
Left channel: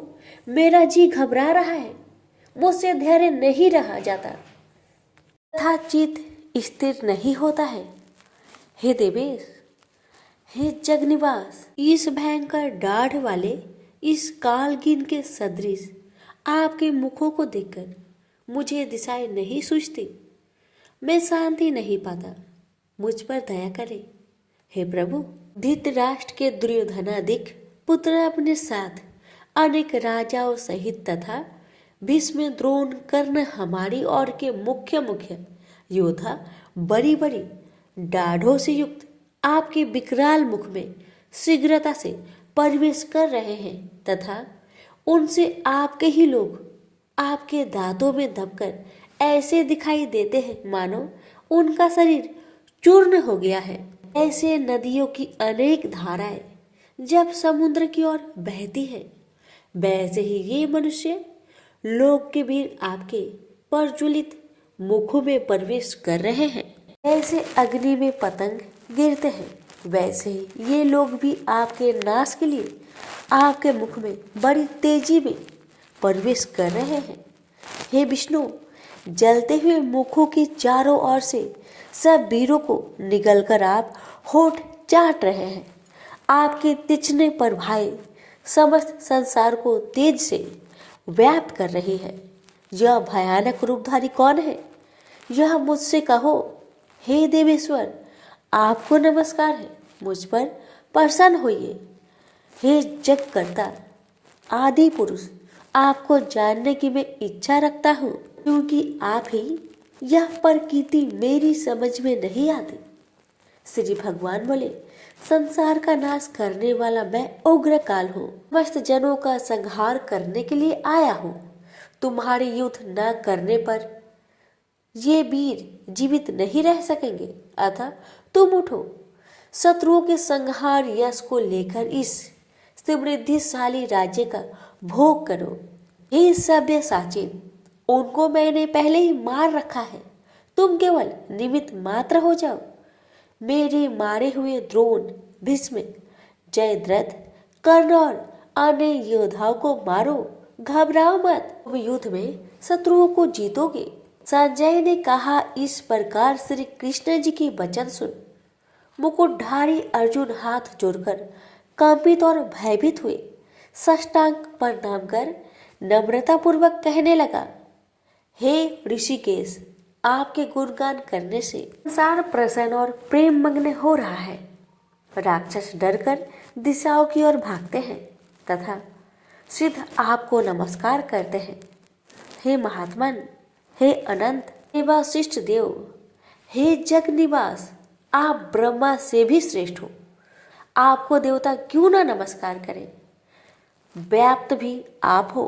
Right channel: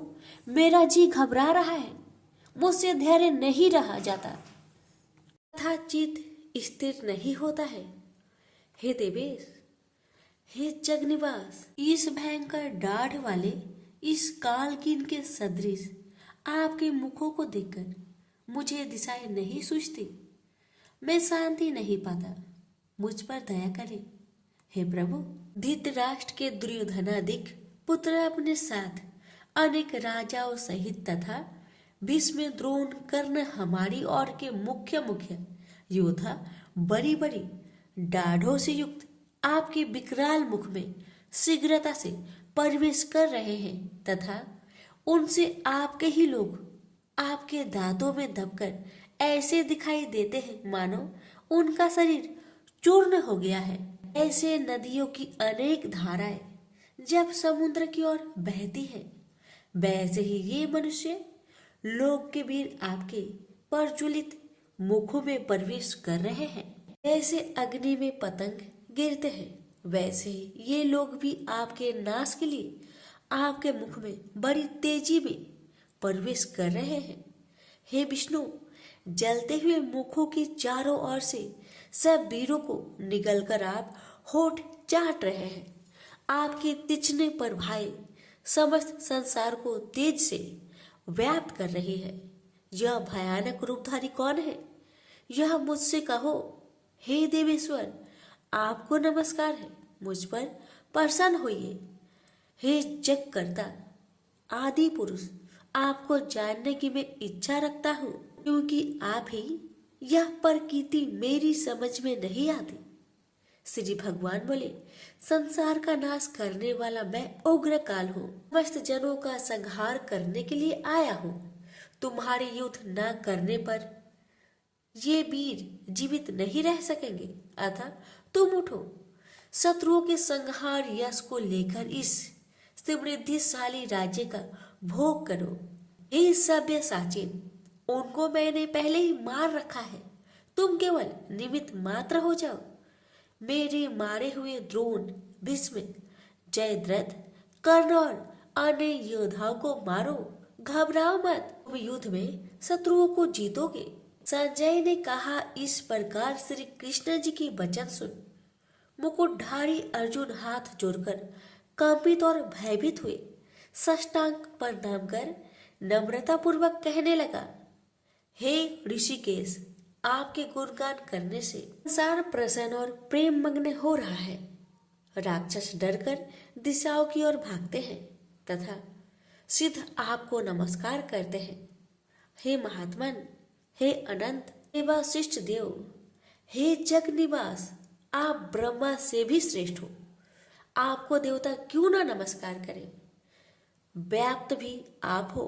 मेरा जी घबरा रहा है, मुझसे धैर्य नहीं रहा जाता तथा चित्त स्थिर नहीं होता है। हे देवेश, हे जगनिवास, इस भयंकर दाढ़ वाले इस कालगिन के सदृश आपके मुखों को देखकर मुझे दिशाएं नहीं सूझती, मैं शांति नहीं पाता, मुझ पर दया करें। हे प्रभु, धृतराष्ट्र के दुर्योधनादिक पुत्र अपने साथ अनेक राजाओं सहित तथा भीष्म, द्रोण, कर्ण हमारी ओर के मुख्य मुख्य योद्धा बड़ी बड़ी दाढ़ों से युक्त आपके विकराल मुख में शीघ्रता से प्रवेश कर रहे हैं तथा उनसे आपके ही लोग आपके दांतों में दबकर ऐसे दिखाई देते हैं मानो उनका शरीर चूर्ण हो गया है। ऐसे नदियों की अनेक धाराएं जब समुद्र की ओर बहती है, वैसे ही ये मनुष्य लोक के वीर आपके प्रज्वलित मुखों में प्रवेश कर रहे हैं। ऐसे अग्नि में पतंग गिरते हैं, वैसे ही ये लोग भी आपके नाश के लिए आपके मुख में बड़ी तेजी में प्रवेश कर रहे हैं। हे विष्णु, जलते हुए मुखों के चारों ओर से सब वीरों को निगलकर आप होठ चाट रहे हैं। आपके तिचने पर भाई समस्त संसार को तेज से व्याप्त कर रही है। यह भयानक रूपधारी कौन है, यह मुझसे कहो। हे देवेश्वर, आपको नमस्कार है, मुझ पर प्रसन्न होइए। हे जगकर्ता, आदि पुरुष, आपको जानने की मैं इच्छा रखता हूँ, क्योंकि आप ही यह प्रकृति मेरी समझ में नहीं आती। श्री भगवान बोले, संसार का नाश करने वाला मैं उग्र काल हूँ, समस्त जनों का संहार करने के लिए आया हूँ। तुम्हारे युद्ध न करने पर ये वीर जीवित नहीं रह सकेंगे, अतः तुम उठो, शत्रुओं के संहार यश को लेकर इस समृद्धिशाली राज्य का भोग करो। हे सभ्य साचिन, उनको मैंने पहले ही मार रखा है, तुम केवल निमित्त मात्र हो जाओ। मेरे मारे हुए द्रोण, भीष्म, जयद्रथ, कर्ण और अन्य योद्धाओं को मारो, घबराओ मत, तुम युद्ध में शत्रुओं को जीतोगे। संजय ने कहा। इस प्रकार श्री कृष्ण जी की वचन सुन मुकुटधारी अर्जुन हाथ जोड़कर कंपित और भयभीत हुए साष्टांग प्रणाम कर नम्रता पूर्वक कहने लगा, हे ऋषिकेश, आपके गुणगान करने से संसार प्रसन्न और प्रेम मग्न हो रहा है। राक्षस डरकर दिशाओं की ओर भागते हैं तथा सिद्ध आपको नमस्कार करते हैं। हे महात्मन, हे अनंत, हे वशिष्ठ देव, हे जग निवास, आप ब्रह्मा से भी श्रेष्ठ हो, आपको देवता क्यों ना नमस्कार करें। व्याप्त भी आप हो,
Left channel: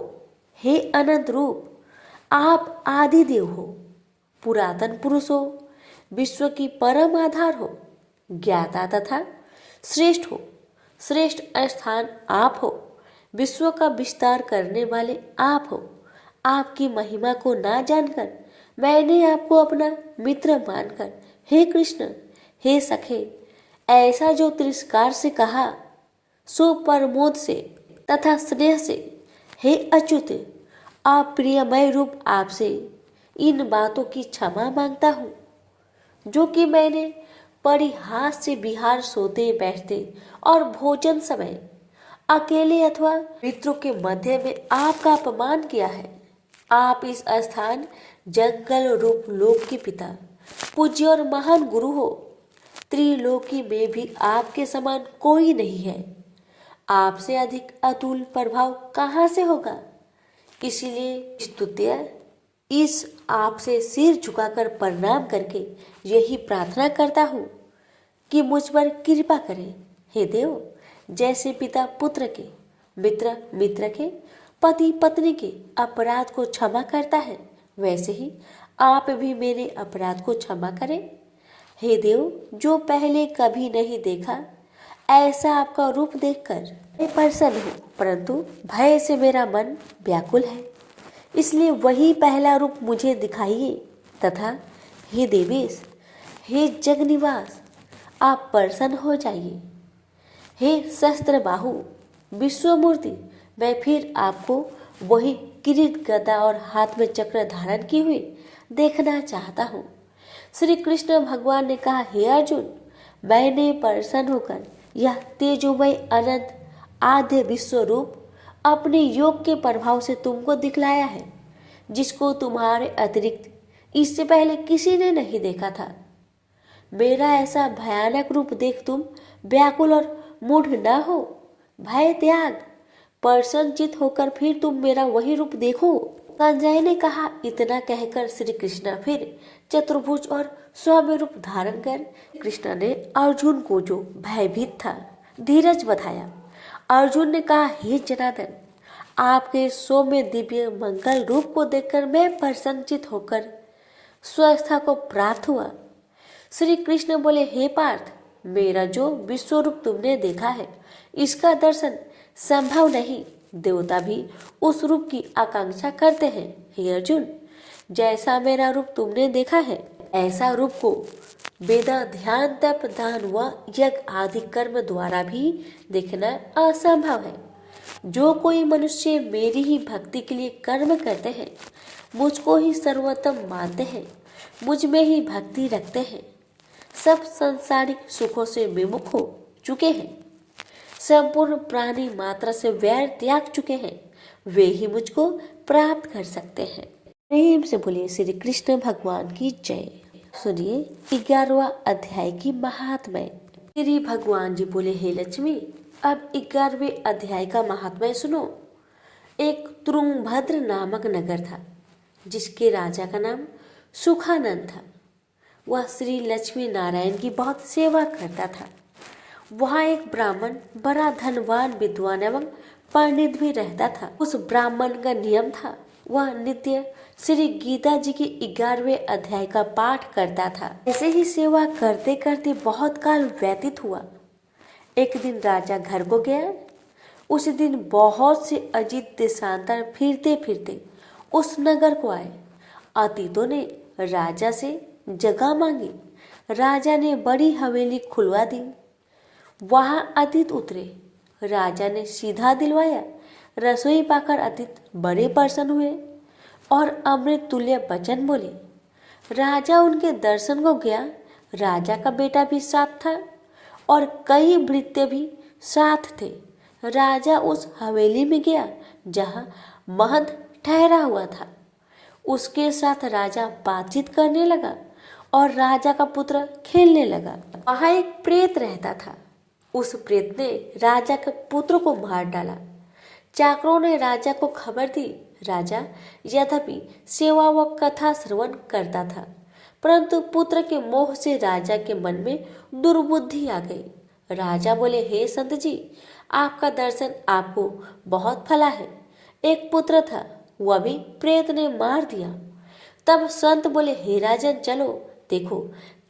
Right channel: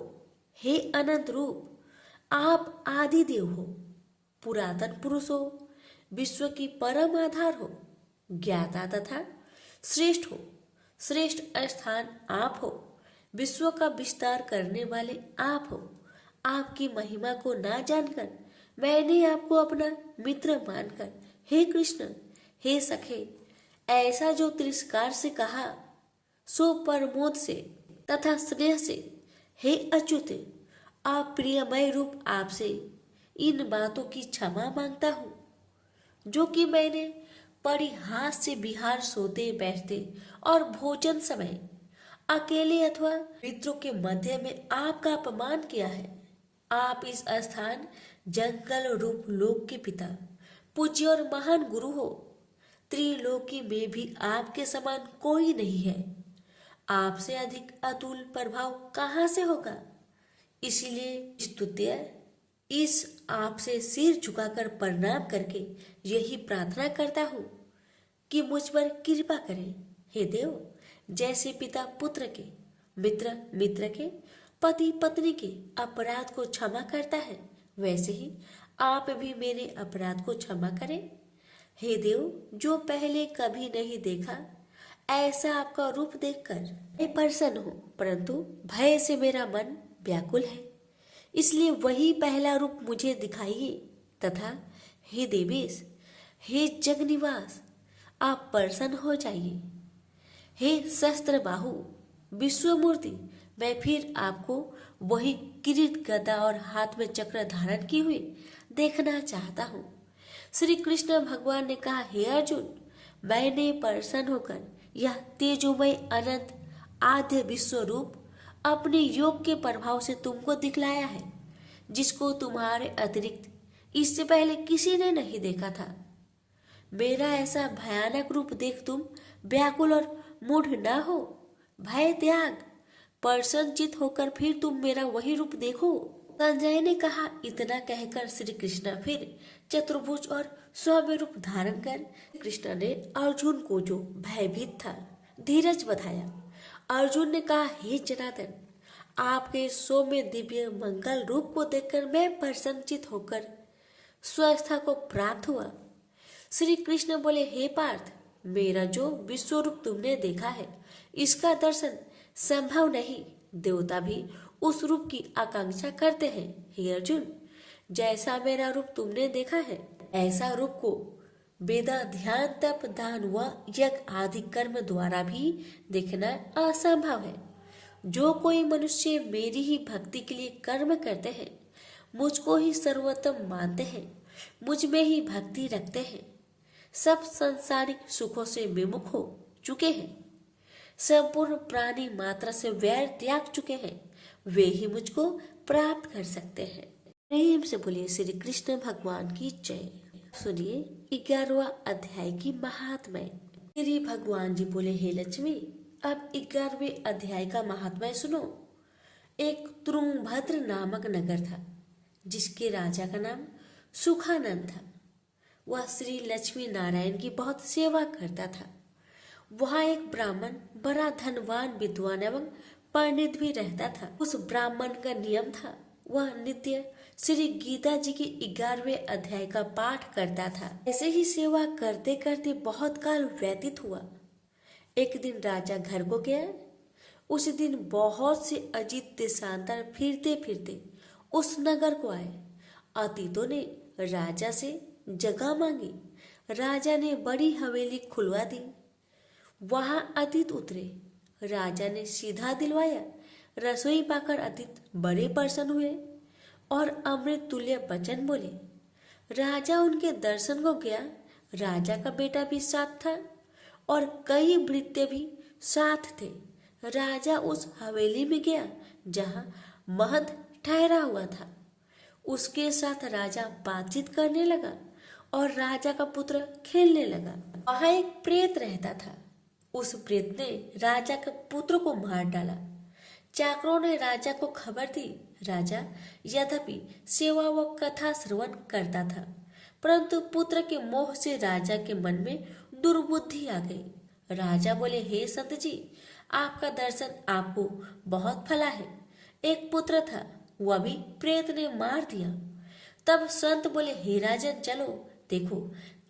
हे अनंत रूप, आप आदि देव हो, पुरातन पुरुष हो, विश्व की परम आधार हो, ज्ञाता तथा श्रेष्ठ हो, श्रेष्ठ स्थान आप हो, विश्व का विस्तार करने वाले आप हो। आपकी महिमा को ना जानकर मैंने आपको अपना मित्र मानकर हे कृष्ण, हे सखे, ऐसा जो तिरस्कार से कहा सो प्रमोद से तथा स्नेह से हे अच्युत, अप्रियमय रूप आपसे इन बातों की क्षमा मांगता हूँ जो कि मैंने परिहास से विहार सोते बैठते और भोजन समय अकेले अथवा मित्रों के मध्य में आपका अपमान किया है। आप इस स्थान जंगल रूप लोक के पिता, पूज्य और महान गुरु हो। त्रिलोकी में भी आपके समान कोई नहीं है। आपसे अधिक अतुल प्रभाव कहाँ से होगा। इसलिए स्तुत्य इस आपसे सिर झुकाकर प्रणाम करके यही प्रार्थना करता हूँ कि मुझ पर कृपा करें। हे देव, जैसे पिता पुत्र के, मित्र मित्र के, पति पत्नी के अपराध को क्षमा करता है, वैसे ही आप भी मेरे अपराध को क्षमा करें। हे देव, जो पहले कभी नहीं देखा ऐसा आपका रूप देखकर मैं प्रसन्न हूँ, परंतु भय से मेरा मन व्याकुल है। इसलिए वही पहला रूप मुझे दिखाइए तथा हे देवेश, हे जगनिवास, आप प्रसन्न हो जाइए। हे शस्त्र बाहु विश्वमूर्ति, मैं फिर आपको वही किरीट गदा और हाथ में चक्र धारण किए हुए देखना चाहता हूँ। श्री कृष्ण भगवान ने कहा, हे अर्जुन, मैंने प्रसन्न होकर यह तेजोमय अनंत आद्य विश्व रूप अपने योग के प्रभाव से तुमको दिखलाया है, जिसको तुम्हारे अतिरिक्त इससे पहले किसी ने नहीं देखा था। मेरा ऐसा भयानक रूप देख तुम व्याकुल और मूढ़ न हो। भय त्याग, प्रसन्नचित होकर फिर तुम मेरा वही रूप देखो। संजय ने कहा। इतना कहकर श्री कृष्ण फिर चतुर्भुज और सौम्य रूप धारण कर कृष्ण ने अर्जुन को, जो भयभीत था, धीरज बधाया। अर्जुन ने कहा, हे जनार्दन, आपके सौम्य दिव्य मंगल रूप को देखकर मैं प्रसन्नचित होकर स्वस्थता को प्राप्त हुआ। श्री कृष्ण बोले, हे पार्थ, मेरा जो विश्व रूप तुमने देखा है, इसका दर्शन संभव नहीं। देवता भी उस रूप की आकांक्षा करते हैं। हे अर्जुन, जैसा मेरा रूप तुमने देखा है, ऐसा रूप को वेद, ध्यान, तप, दान व यज्ञ आदि कर्म द्वारा भी देखना असंभव है। जो कोई मनुष्य मेरी ही भक्ति के लिए कर्म करते हैं, मुझको ही सर्वोत्तम मानते हैं, मुझ में ही भक्ति रखते हैं, सब सांसारिक सुखों से विमुख हो चुके हैं, संपूर्ण प्राणी मात्रा से वैर त्याग चुके हैं, वे ही मुझको प्राप्त कर सकते हैं। प्रेम से बोलिए श्री कृष्ण भगवान की जय। सुनिए 11वां अध्याय की महात्म्य। श्री भगवान जी बोले, हे लक्ष्मी, अब 11वें अध्याय का महात्म्य सुनो। एक तुंगभद्र नामक नगर था, जिसके राजा का नाम सुखानंद था। वह श्री लक्ष्मी नारायण की बहुत सेवा करता था। वहाँ एक ब्राह्मण बड़ा धनवान, विद्वान एवं पंडित भी रहता था। उस ब्राह्मण का नियम था, वह नित्य श्री गीता जी के 11वें अध्याय का पाठ करता था। ऐसे ही सेवा करते करते बहुत काल व्यतीत हुआ। एक दिन राजा घर को गया। उस दिन बहुत से अजीत देशांतर फिरते फिरते उस नगर को आए। अतीतों ने राजा से जगह मांगी। राजा ने बड़ी हवेली खुलवा दी। वहां अतीत उतरे। राजा ने सीधा दिलवाया। रसोई पाकर अतीत बड़े प्रसन्न हुए और अमृत तुल्य वचन बोले। राजा उनके दर्शन को गया। राजा का बेटा भी साथ था और कई भृत्य भी साथ थे। राजा उस हवेली में गया जहां महंत ठहरा हुआ था। उसके साथ राजा बातचीत करने लगा और राजा का पुत्र खेलने लगा। वहां एक प्रेत रहता था। उस प्रेत ने राजा के पुत्र को मार डाला। चाकरों ने राजा को खबर दी। राजा यद्यपि सेवा व कथा श्रवण करता था, परंतु पुत्र के मोह से राजा के मन में दुर्बुद्धि आ गई। राजा बोले, हे संत जी, आपका दर्शन आपको बहुत फला है। एक पुत्र था, वह भी प्रेत ने मार दिया। तब संत बोले, हे राजन, चलो देखो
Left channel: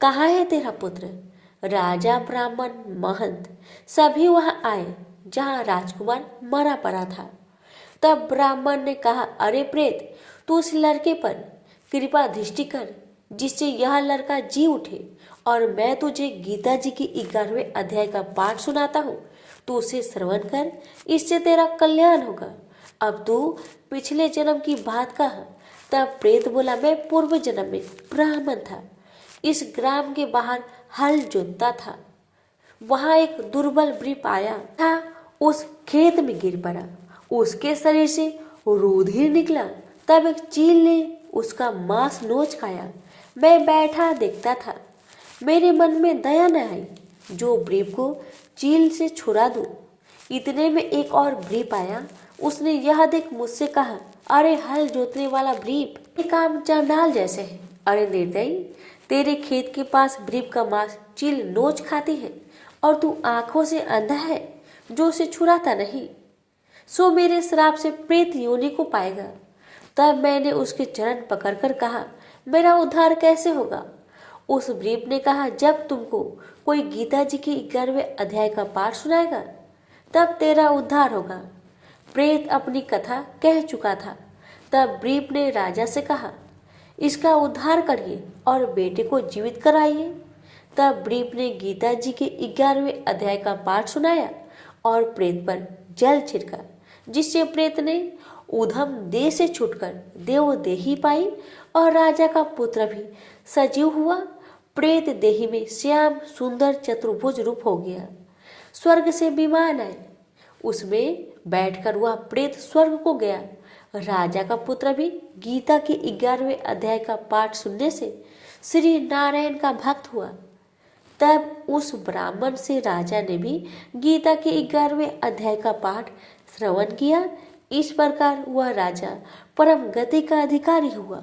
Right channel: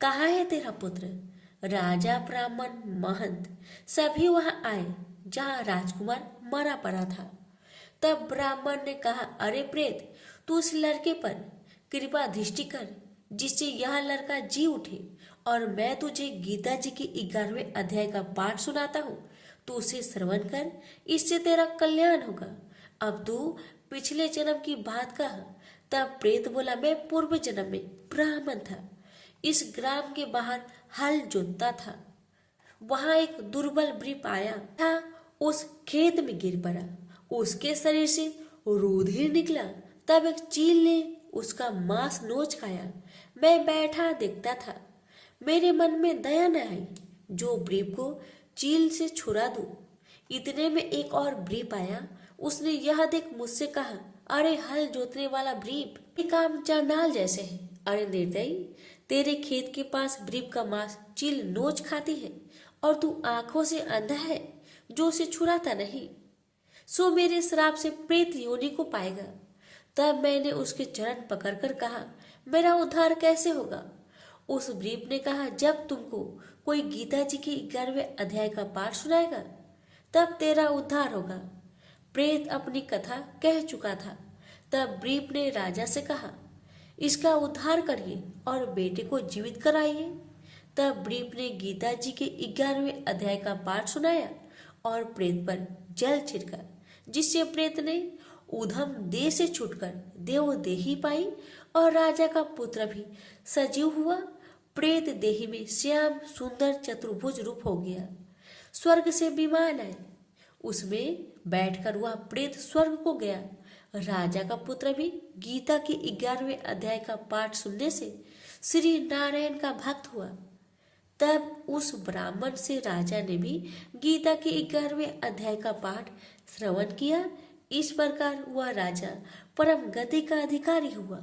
कहाँ है तेरा पुत्र। राजा, ब्राह्मण, महंत सभी वहां आए जहां राजकुमार मरा पड़ा था। तब ब्राह्मण ने कहा, अरे प्रेत, तू उस लड़के पर कृपा दृष्टि कर जिससे यह लड़का जी उठे, और मैं तुझे गीता जी की 11वें अध्याय का पाठ सुनाता हूँ। तू उसे श्रवण कर, इससे तेरा कल्याण होगा। अब तू पिछले जन्म की बात कह। तब प्रेत बोला, मैं पूर्व जन्म में ब्राह्मण था, इस ग्राम के बाहर हल जोतता था। वहां एक दुर्बल वृक्ष आया था, उस खेत में गिर पड़ा। उसके शरीर से रुधिर निकला। तब एक चील ने उसका मांस नोच खाया। मैं बैठा देखता था। मेरे मन में दया न आई जो ब्रीफ को चील से छुड़ा दूं। इतने में एक और ब्रीफ आया। उसने यह देख मुझसे कहा, अरे हल जोतने वाला ब्रीफ, ये काम चांडाल जैसे है। अरे निर्दयी, तेरे खेत के पास ब्रीफ का मांस चील नोच खाती है और तू आंखों से अंधा है जो उसे छुड़ाता नहीं। सो मेरे श्राप से प्रेत योनि को पाएगा। तब मैंने उसके चरण पकड़कर कहा, मेरा उद्धार कैसे होगा? उस ब्रीफ ने कहा, जब तुमको कोई गीता जी के 11वें अध्याय का पाठ सुनाएगा तब तेरा उद्धार होगा। प्रेत अपनी कथा कह चुका था। तब ब्रीफ ने राजा से कहा, इसका उद्धार करिए और बेटे को जीवित कराइए। तब ब्रीफ ने गीता जी के 11वें अध्याय का पाठ सुनाया और प्रेत पर जल छिड़का, जिससे प्रेत ने ऊधम देह से छूटकर देवदेही पाई और राजा का पुत्र भी सजीव हुआ। प्रेत देही में श्याम सुंदर चतुर्भुज रूप हो गया। स्वर्ग से विमान आए, उसमें बैठकर वह प्रेत स्वर्ग को गया। राजा का पुत्र भी गीता के 11वें अध्याय का पाठ सुनने से श्री नारायण का भक्त हुआ। तब उस ब्राह्मण से राजा ने भी गीता के 11वें अध्याय का पाठ श्रवण किया। इस प्रकार वह राजा परम गति का अधिकारी हुआ।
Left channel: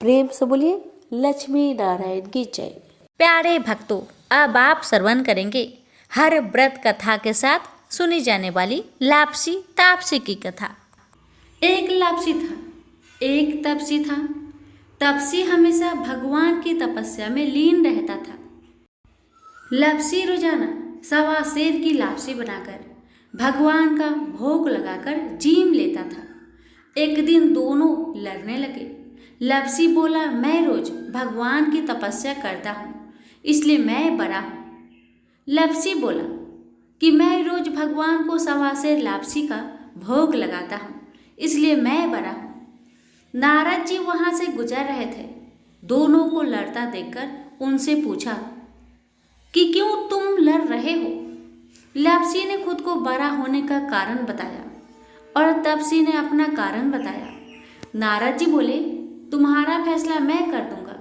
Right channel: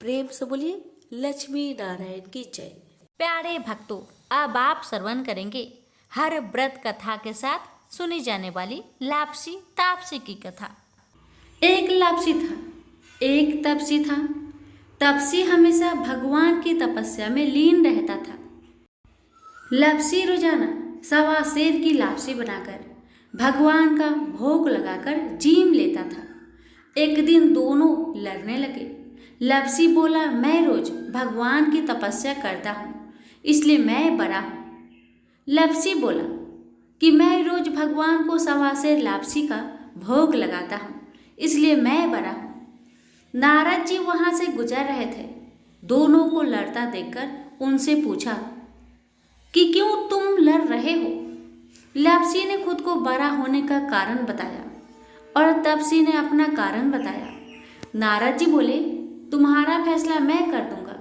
प्रेम से बोलिए लक्ष्मी नारायण की जय। प्यारे भक्तों, अब आप श्रवण करेंगे हर व्रत कथा के साथ सुनी जाने वाली लापसी तापसी की कथा। एक लापसी था, एक तपसी था। तपसी हमेशा भगवान की तपस्या में लीन रहता था। लापसी रोजाना 1.25 सेर की लापसी बनाकर भगवान का भोग लगाकर जीम लेता था। एक दिन दोनों लड़ने लगे। लापसी बोला, मैं रोज भगवान की तपस्या करता हूँ, इसलिए मैं बड़ा हूँ। लापसी बोला कि मैं रोज भगवान को 1.25 सेर लापसी का भोग लगाता हूँ, इसलिए मैं बड़ा हूँ। नारद जी वहां से गुजर रहे थे। दोनों को लड़ता देखकर उनसे पूछा कि क्यों तुम लड़ रहे हो? लापसी ने खुद को बड़ा होने का कारण बताया और तपसी ने अपना कारण बताया। नारद जी बोले, तुम्हारा फैसला मैं कर दूंगा।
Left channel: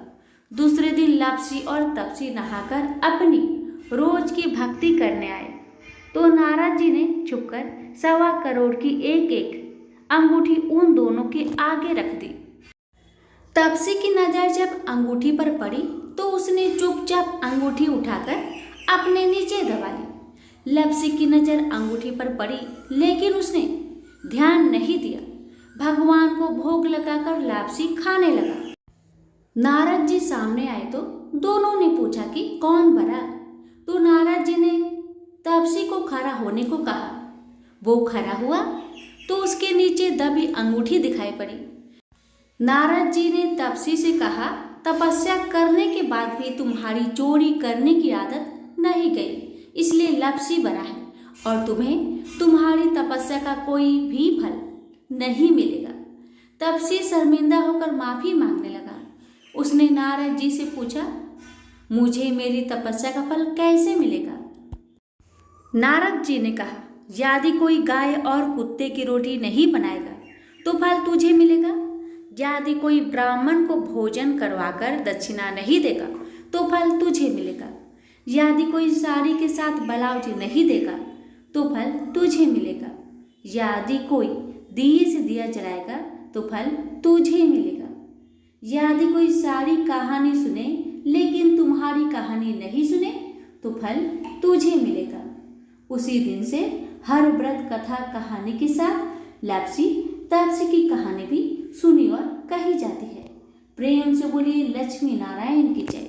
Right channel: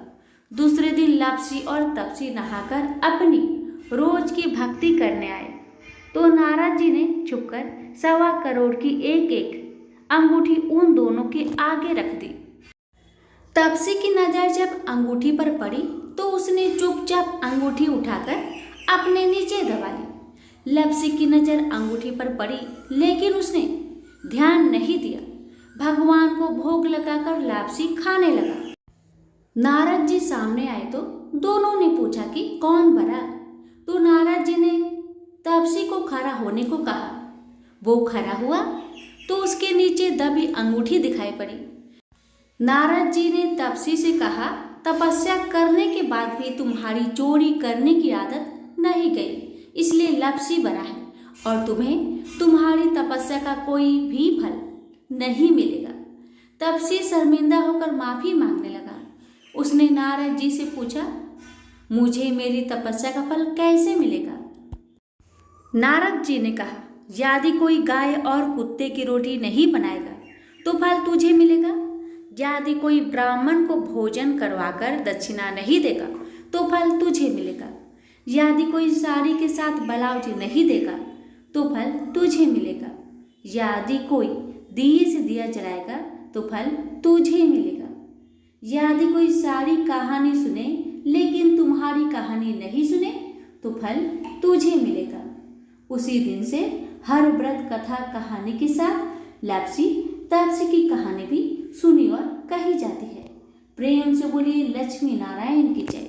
दूसरे दिन लापसी और तपसी नहाकर अपनी रोज की भक्ति करने आए तो नारद जी ने छुपकर 1.25 करोड़ की एक अंगूठी उन दोनों के आगे रख दी। तपसी की नजर जब अंगूठी पर पड़ी तो उसने चुपचाप अंगूठी उठाकर अपने नीचे दबा ली। लापसी की नजर अंगूठी पर पड़ी लेकिन उसने ध्यान नहीं दिया। भगवान को भोग लगाकर लापसी खाने लगा। नारद जी सामने आए तो दोनों ने पूछा कि कौन बड़ा? तो नारद जी ने तपसी को खड़ा होने को कहा। वो खड़ा हुआ तो उसके नीचे दबी अंगूठी दिखाई पड़ी। नारद जी ने तपसी से कहा, तपस्या करने के बाद भी तुम्हारी चोरी करने की आदत नहीं गई, इसलिए लापसी बना है और तुम्हें तुम्हारी तपस्या का कोई भी फल नहीं मिलेगा। तपसी शर्मिंदा होकर माफी मांगने लगा। उसने नारद जी से पूछा, मुझे मेरी तपस्या का फल कैसे मिलेगा? नारद जी ने कहा, यदि कोई गाय और कुत्ते की रोटी नहीं बनाएगा तो फल तुझे मिलेगा। यदि कोई ब्राह्मण को भोजन करवाकर दक्षिणा नहीं देगा तो फल तुझे मिलेगा। यदि कोई साड़ी के साथ ब्लाउज नहीं देगा तो फल तुझे मिलेगा। यदि कोई दिए से दिया जलाएगा तो फल तुझे मिलेगा। यदि कोई सारी कहानी सुने लेकिन तुम्हारी कहानी नहीं सुने तो फल तुझे मिलेगा। उसी दिन से हर व्रत कथा कहानी के साथ लापसी तापसी की कहानी भी सुनी और कही जाती है। प्रेम से बोलिए लक्ष्मी नारायण की जय।